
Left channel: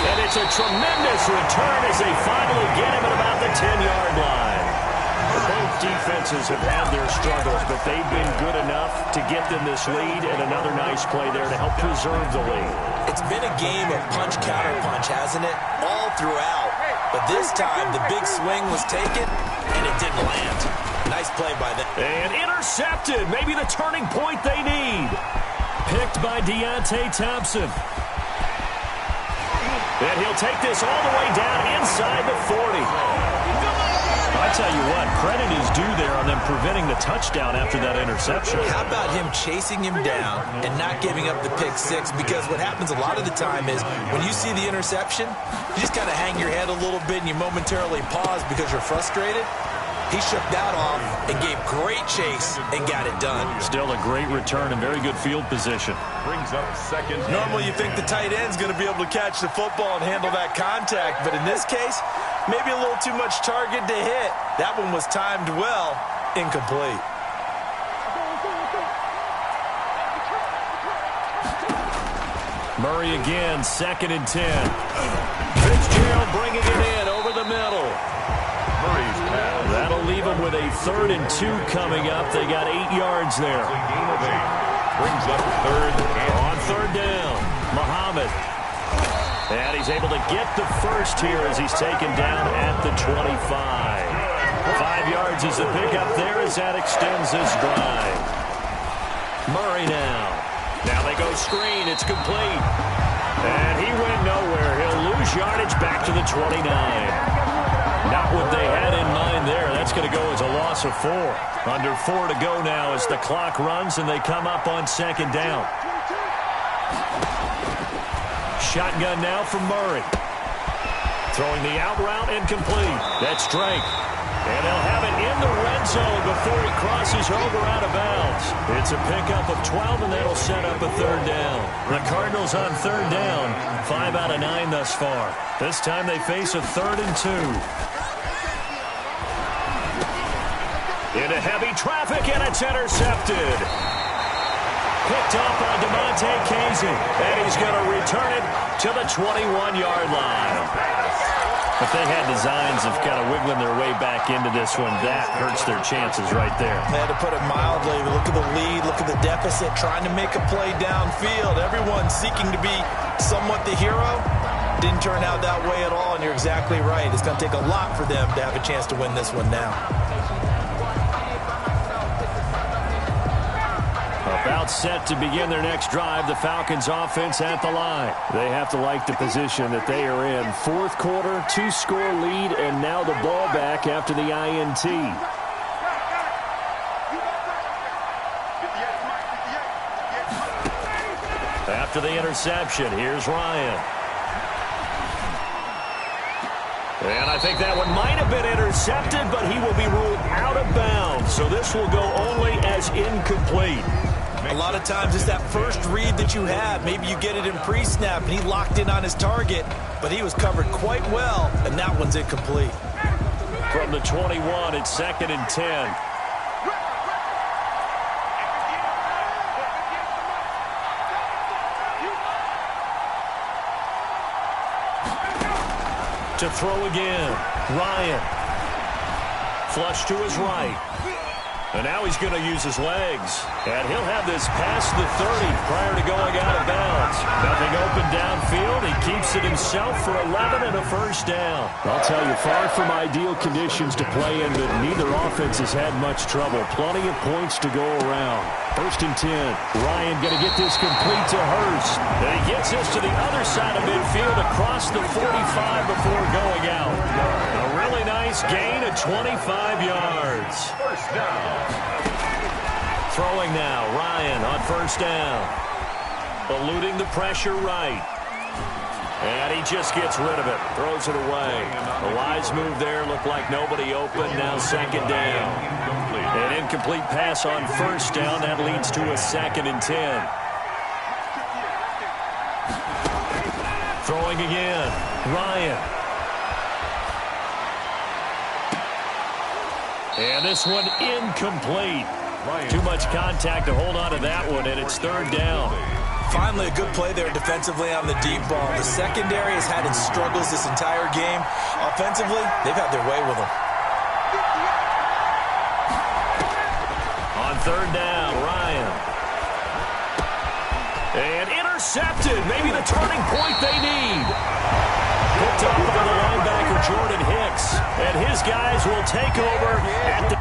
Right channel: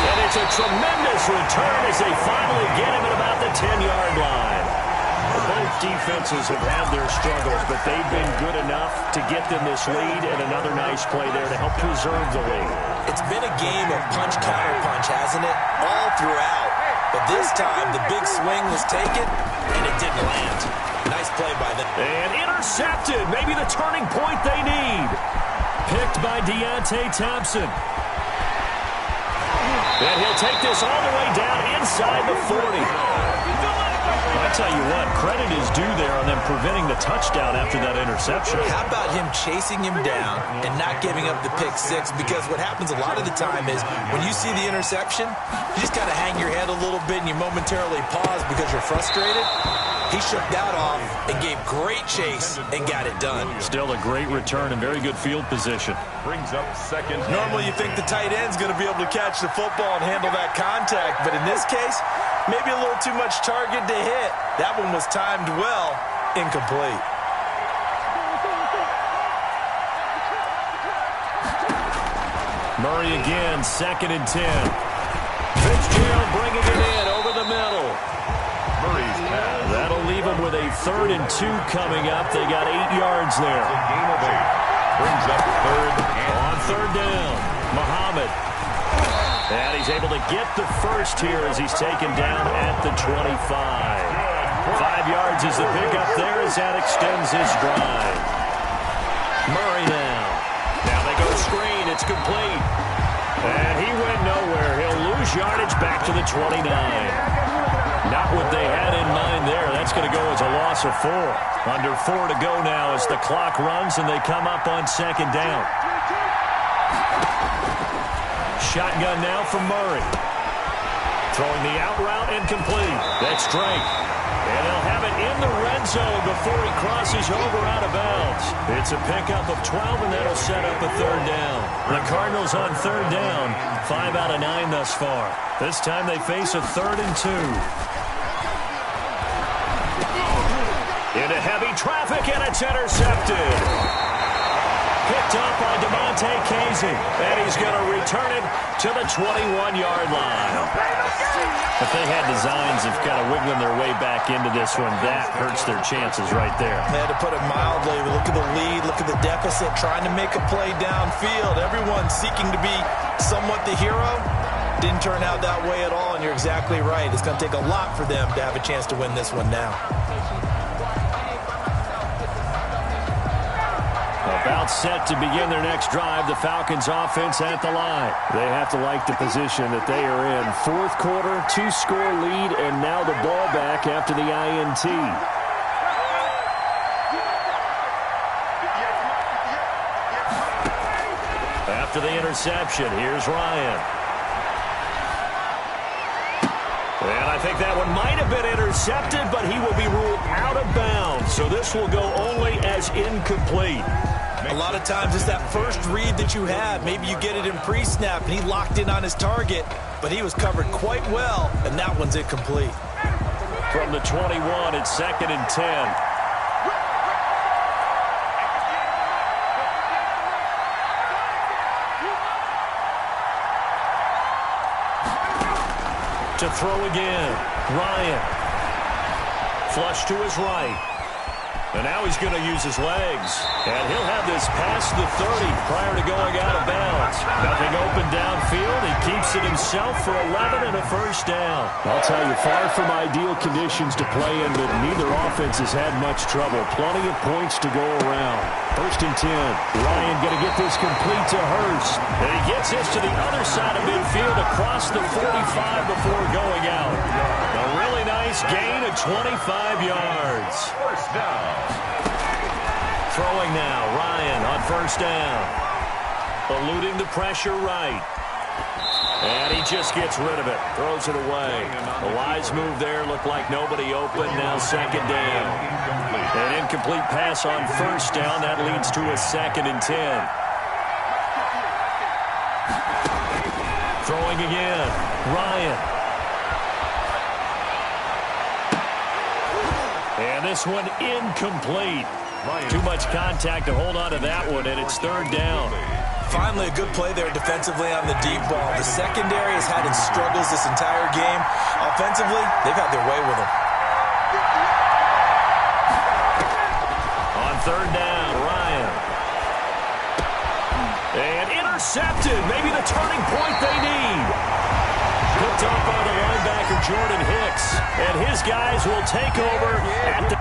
And it's a tremendous return as they finally get him at about the 10-yard line. Both defenses have had their struggles, but they've been good enough to get them this lead, and another nice play there to help preserve the lead. It's been a game of punch-counter-punch, hasn't it? All throughout. But this time, the big swing was taken, and it didn't land. Nice play by them. And intercepted. Maybe the turning point they need. Picked by Deontay Thompson. And he'll take this all the way down inside the 40. I tell you what, credit is due there on them preventing the touchdown after that interception. How about him chasing him down and not giving up the pick six? Because what happens a lot of the time is when you see the interception, you just kind of hang your head a little bit and you momentarily pause because you're frustrated. He shook that off and gave great chase and got it done. Still a great return and very good field position. Brings up 2nd. Normally you think the tight end's going to be able to catch the football and handle that contact, but in this case, maybe a little too much target to hit. That one was timed well, incomplete. Murray again, 2nd and 10. Fitzgerald bringing it in over the middle. Murray's pass. That'll leave them with a 3rd and 2 coming up. They got 8 yards there. A gain of 8. Brings up 3rd and on 3rd down. Muhammad. And he's able to get the first here as he's taken down at the 25. 5 yards is the pickup there as that extends his drive. Murray now. Now they go screen. It's complete. And he went nowhere. He'll lose yardage back to the 29. Not what they had in mind there. That's going to go as a loss of 4. Under 4 to go now as the clock runs and they come up on 2nd down. Shotgun now from Murray. Throwing the out route incomplete. That's Drake. And they'll have it in the red zone before he crosses over out of bounds. It's a pickup of 12, and that'll set up a 3rd down. The Cardinals on 3rd down, 5 out of 9 thus far. This time they face a 3rd and 2. Into heavy traffic, and it's intercepted. Picked off by DeMonte Casey, and he's going to return it to the 21-yard line. If they had designs of kind of wiggling their way back into this one, that hurts their chances right there. They had to put it mildly. Look at the lead, look at the deficit, trying to make a play downfield. Everyone seeking to be somewhat the hero. Didn't turn out that way at all, and you're exactly right. It's going to take a lot for them to have a chance to win this one now. About set to begin their next drive, the Falcons offense at the line. They have to like the position that they are in. 4th quarter, 2-score lead, and now the ball back after the INT. After the interception, here's Ryan. And I think that one might have been intercepted, but he will be ruled out of bounds. So this will go only as incomplete. A lot of times it's that first read that you have. Maybe you get it in pre-snap, and he locked in on his target, but he was covered quite well, and that one's incomplete. From the 21, it's 2nd and 10. To throw again, Ryan. Flush to his right. And now he's going to use his legs. And he'll have this past the 30 prior to going out of bounds. Nothing open downfield. He keeps it himself for 11 and a first down. I'll tell you, far from ideal conditions to play in, but neither offense has had much trouble. Plenty of points to go around. 1st and 10. Ryan going to get this complete to Hurst. And he gets this to the other side of midfield across the 45 before going out. A really nice gain of 25 yards. First down. Throwing now, Ryan on 1st down. Eluding the pressure right. And he just gets rid of it. Throws it away. The wise move there. Looked like nobody open. Now 2nd down. An incomplete pass on 1st down. That leads to a 2nd and 10. Throwing again. Ryan. And this one incomplete. Too much contact to hold on to that one, and it's 3rd down. Finally, a good play there defensively on the deep ball. The secondary has had its struggles this entire game. Offensively, they've had their way with them. On 3rd down, Ryan. And intercepted. Maybe the turning point they need. Picked up by the linebacker, Jordan Hicks. And his guys will take over at the...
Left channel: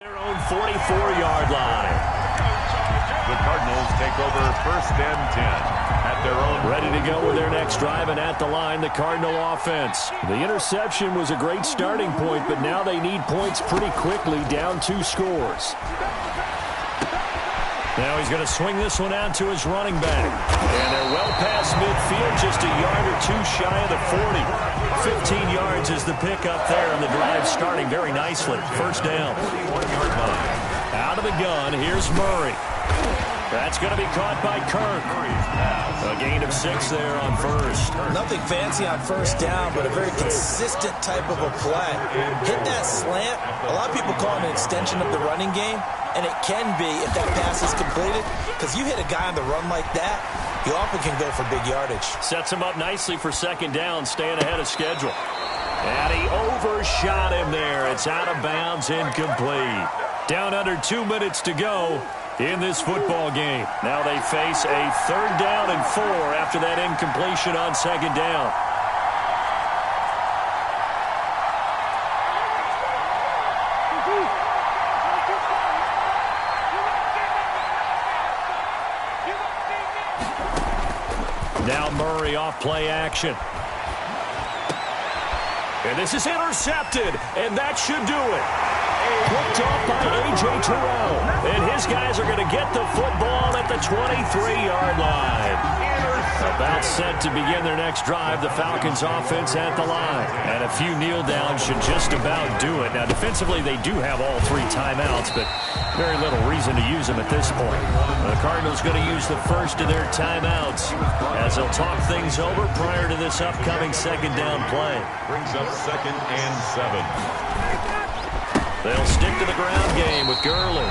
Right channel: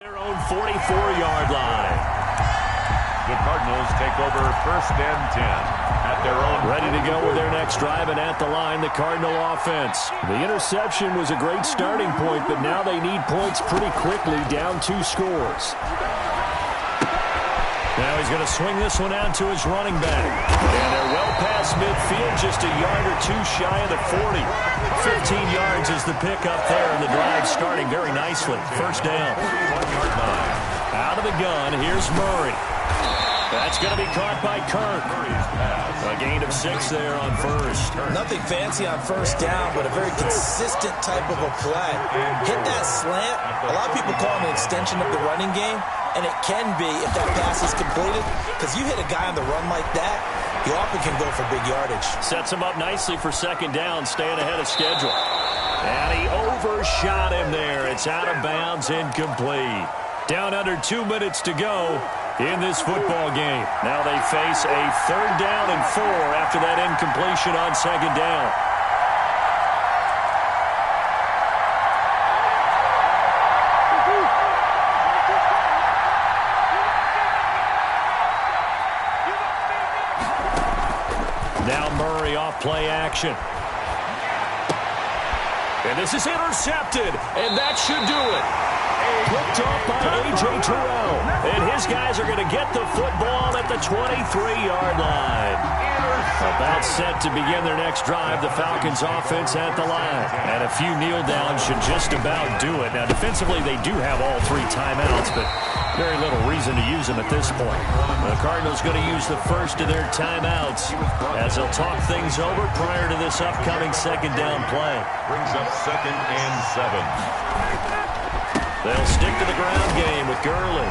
their own 44-yard line. The Cardinals take over 1st and 10 at their own. Ready to go with their next drive, and at the line, the Cardinal offense. The interception was a great starting point, but now they need points pretty quickly, down 2 scores. Now he's going to swing this one out to his running back. And they're well past midfield, just a yard or 2 shy of the 40. 15 yards is the pickup there, and the drive starting very nicely. 1st down. 41-yard line. Out of the gun, here's Murray. That's going to be caught by Kirk. A gain of 6 there on 1st. Nothing fancy on 1st down, but a very consistent type of a play. Hit that slant. A lot of people call it an extension of the running game, and it can be if that pass is completed, because you hit a guy on the run like that, he often can go for big yardage. Sets him up nicely for 2nd down, staying ahead of schedule. And he overshot him there. It's out of bounds, incomplete. Down under 2 minutes to go in this football game. Now they face a 3rd down and 4 after that incompletion on 2nd down. Now Murray off play action. And this is intercepted, and that should do it. Picked off by A.J. Terrell. And his guys are going to get the football at the 23-yard line. About set to begin their next drive, the Falcons offense at the line. And a few kneel downs should just about do it. Now, defensively, they do have all 3 timeouts, but very little reason to use them at this point. The Cardinals going to use the first of their timeouts as they'll talk things over prior to this upcoming 2nd down play. Brings up 2nd and 7. They'll stick to the ground game with Gurley.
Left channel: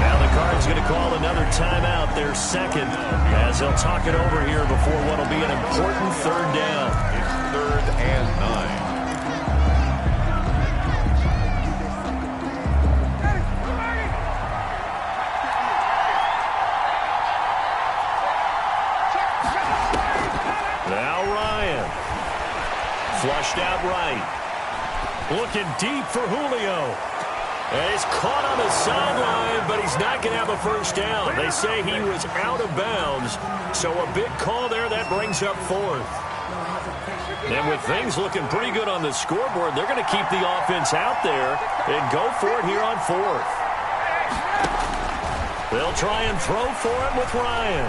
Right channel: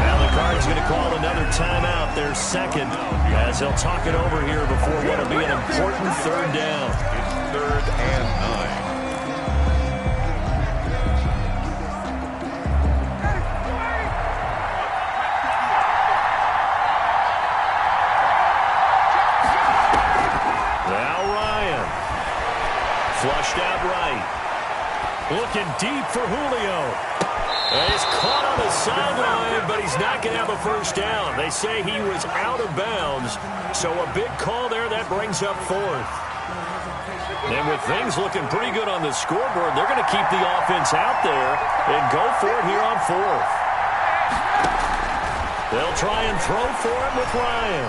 Now the Cards going to call another timeout, their 2nd, as they'll talk it over here before what will be an important 3rd down. It's 3rd and 9. pushed out right. Looking deep for Julio. And he's caught on the sideline, but he's not going to have a first down. They say he was out of bounds, so a big call there. That brings up fourth. And with things looking pretty good on the scoreboard, they're going to keep the offense out there and go for it here on fourth. They'll try and throw for it with Ryan.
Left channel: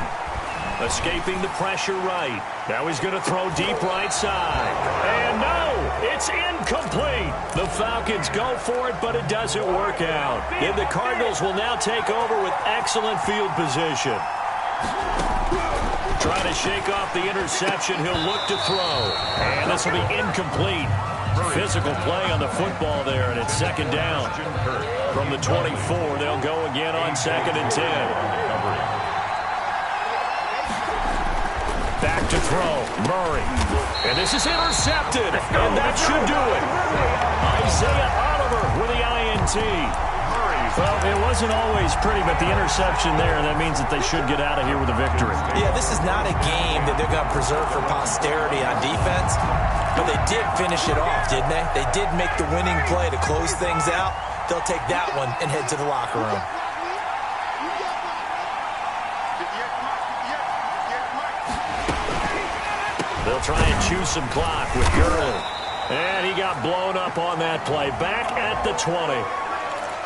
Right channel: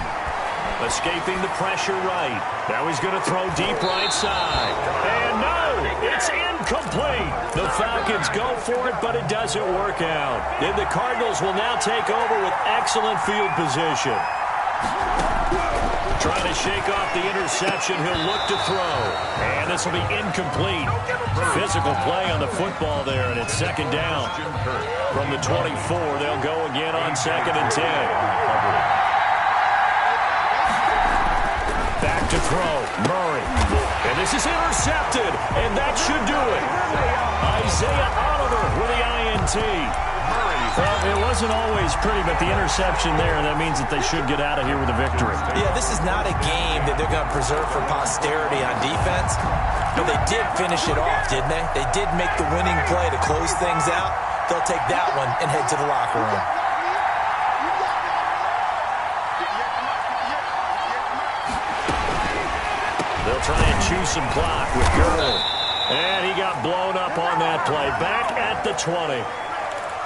Escaping the pressure right. Now he's going to throw deep right side. And no, it's incomplete. The Falcons go for it, but it doesn't work out. And the Cardinals will now take over with excellent field position. Trying to shake off the interception. He'll look to throw. And this will be incomplete. Physical play on the football there, and it's second down. From the 24, they'll go again on 2nd and 10. Back to throw. Murray. And this is intercepted. And that should do it. Isaiah Oliver with the INT. Well, it wasn't always pretty, but the interception there, that means that they should get out of here with a victory. Yeah, this is not a game that they're going to preserve for posterity on defense. But they did finish it off, didn't they? They did make the winning play to close things out. They'll take that one and head to the locker room. They'll try and chew some clock with Gurley. And he got blown up on that play. Back at the 20.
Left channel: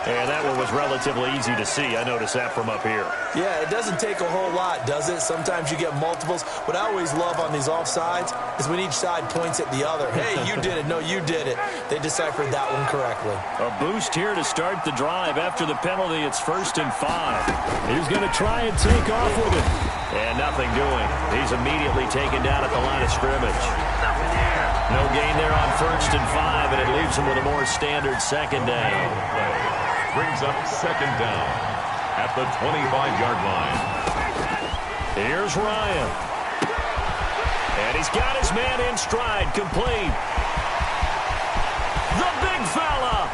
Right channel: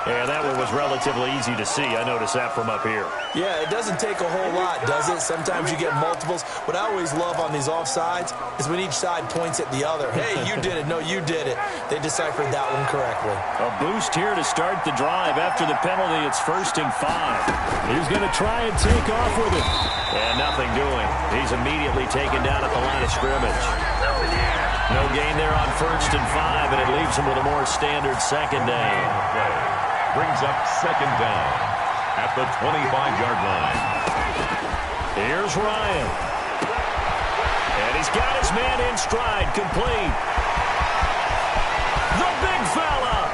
And that one was relatively easy to see. I noticed that from up here. Yeah, it doesn't take a whole lot, does it? Sometimes you get multiples. What I always love on these offsides is when each side points at the other. Hey, you did it. No, you did it. They deciphered that one correctly. A boost here to start the drive. After the penalty, it's 1st and 5. He's going to try and take off with it. And nothing doing. He's immediately taken down at the line of scrimmage. No gain there on 1st and 5, and it leaves him with a more standard second down. Brings up second down at the 25-yard line. Here's Ryan. And he's got his man in stride, complete. The big fella.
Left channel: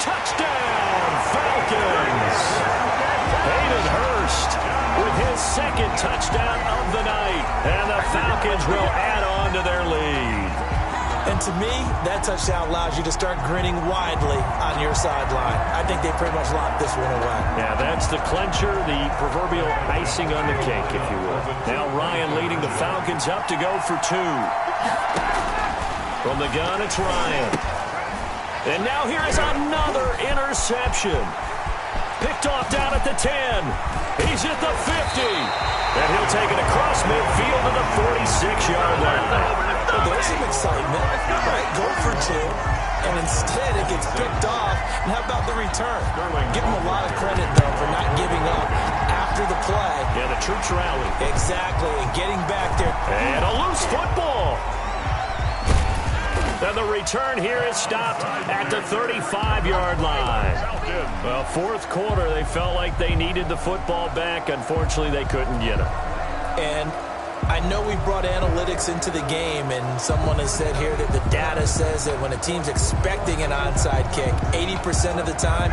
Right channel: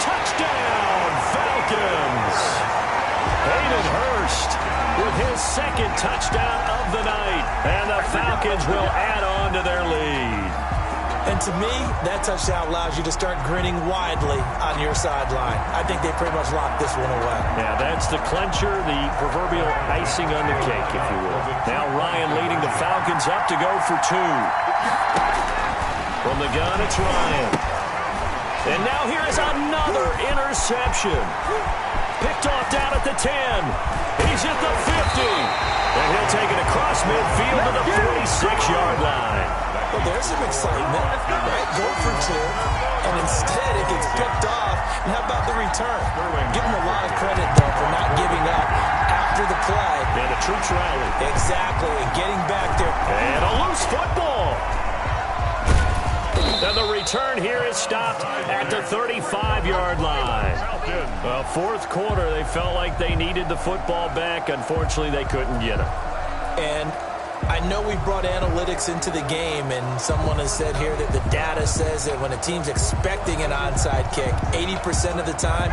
Touchdown, Falcons. Hayden Hurst with his second touchdown of the night. And the Falcons will add on to their lead. And to me, that touchdown allows you to start grinning widely on your sideline. I think they pretty much locked this one away. Yeah, that's the clincher, the proverbial icing on the cake, if you will. Now Ryan leading the Falcons up to go for 2. From the gun, it's Ryan. And now here is another interception. Picked off down at the 10. He's at the 50. And he'll take it across midfield to the 46-yard line. Well, there's some excitement, right? Go for 2, and instead it gets picked off. And how about the return? Give him a lot of credit, though, for not giving up after the play. Yeah, the troops rally. Exactly, and getting back there. And a loose football. And the return here is stopped at the 35-yard line. Well, 4th quarter, they felt like they needed the football back. Unfortunately, they couldn't get it. And I know we brought analytics into the game, and someone has said here that the data says that when a team's expecting an onside kick, 80% of the time,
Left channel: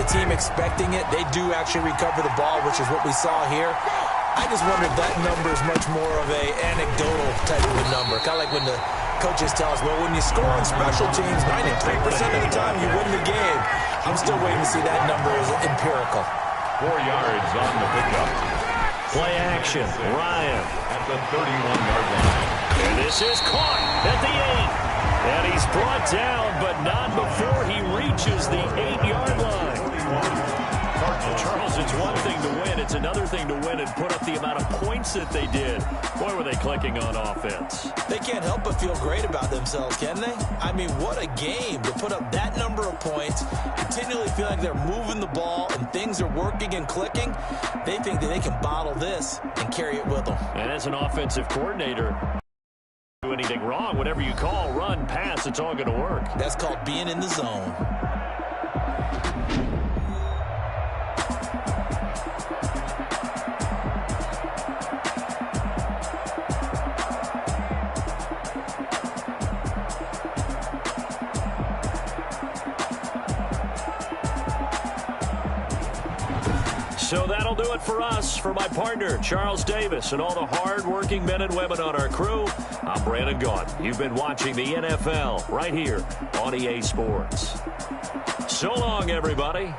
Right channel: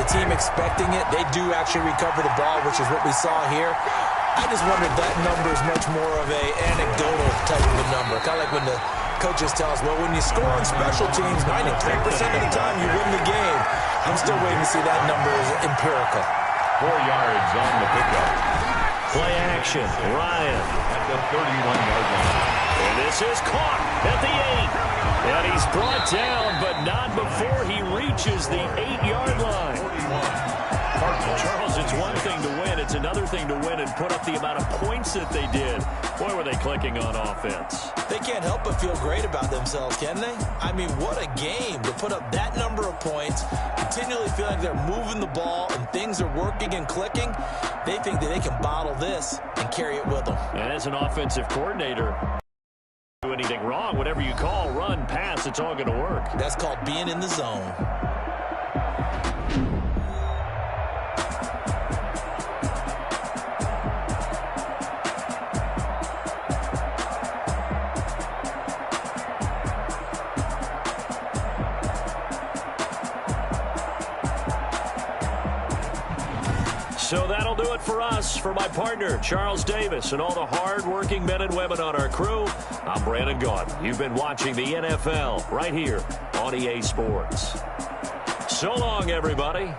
the team expecting it, they do actually recover the ball, which is what we saw here. I just wonder if that number is much more of a anecdotal type of a number. Kind of like when the coaches tell us, well, when you score on special teams, 93% of the time you win the game. I'm still waiting to see that number is empirical. 4 yards on the pickup. Play action, Ryan. At the 31-yard line. And this is caught at the 8. And he's brought down, but not before he reaches the 8-yard line. 41. Charles, it's one thing to win. It's another thing to win and put up the amount of points that they did. Boy, were they clicking on offense. They can't help but feel great about themselves, can they? I mean, what a game to put up that number of points, continually feel like they're moving the ball and things are working and clicking. They think that they can bottle this and carry it with them. And as an offensive coordinator, do anything wrong, whatever you call, run, pass, it's all going to work. That's called being in the zone. So that'll do it for us. For my partner, Charles Davis, and all the hard-working men and women on our crew, I'm Brandon Gaudin. You've been watching the NFL right here on EA Sports. So long, everybody.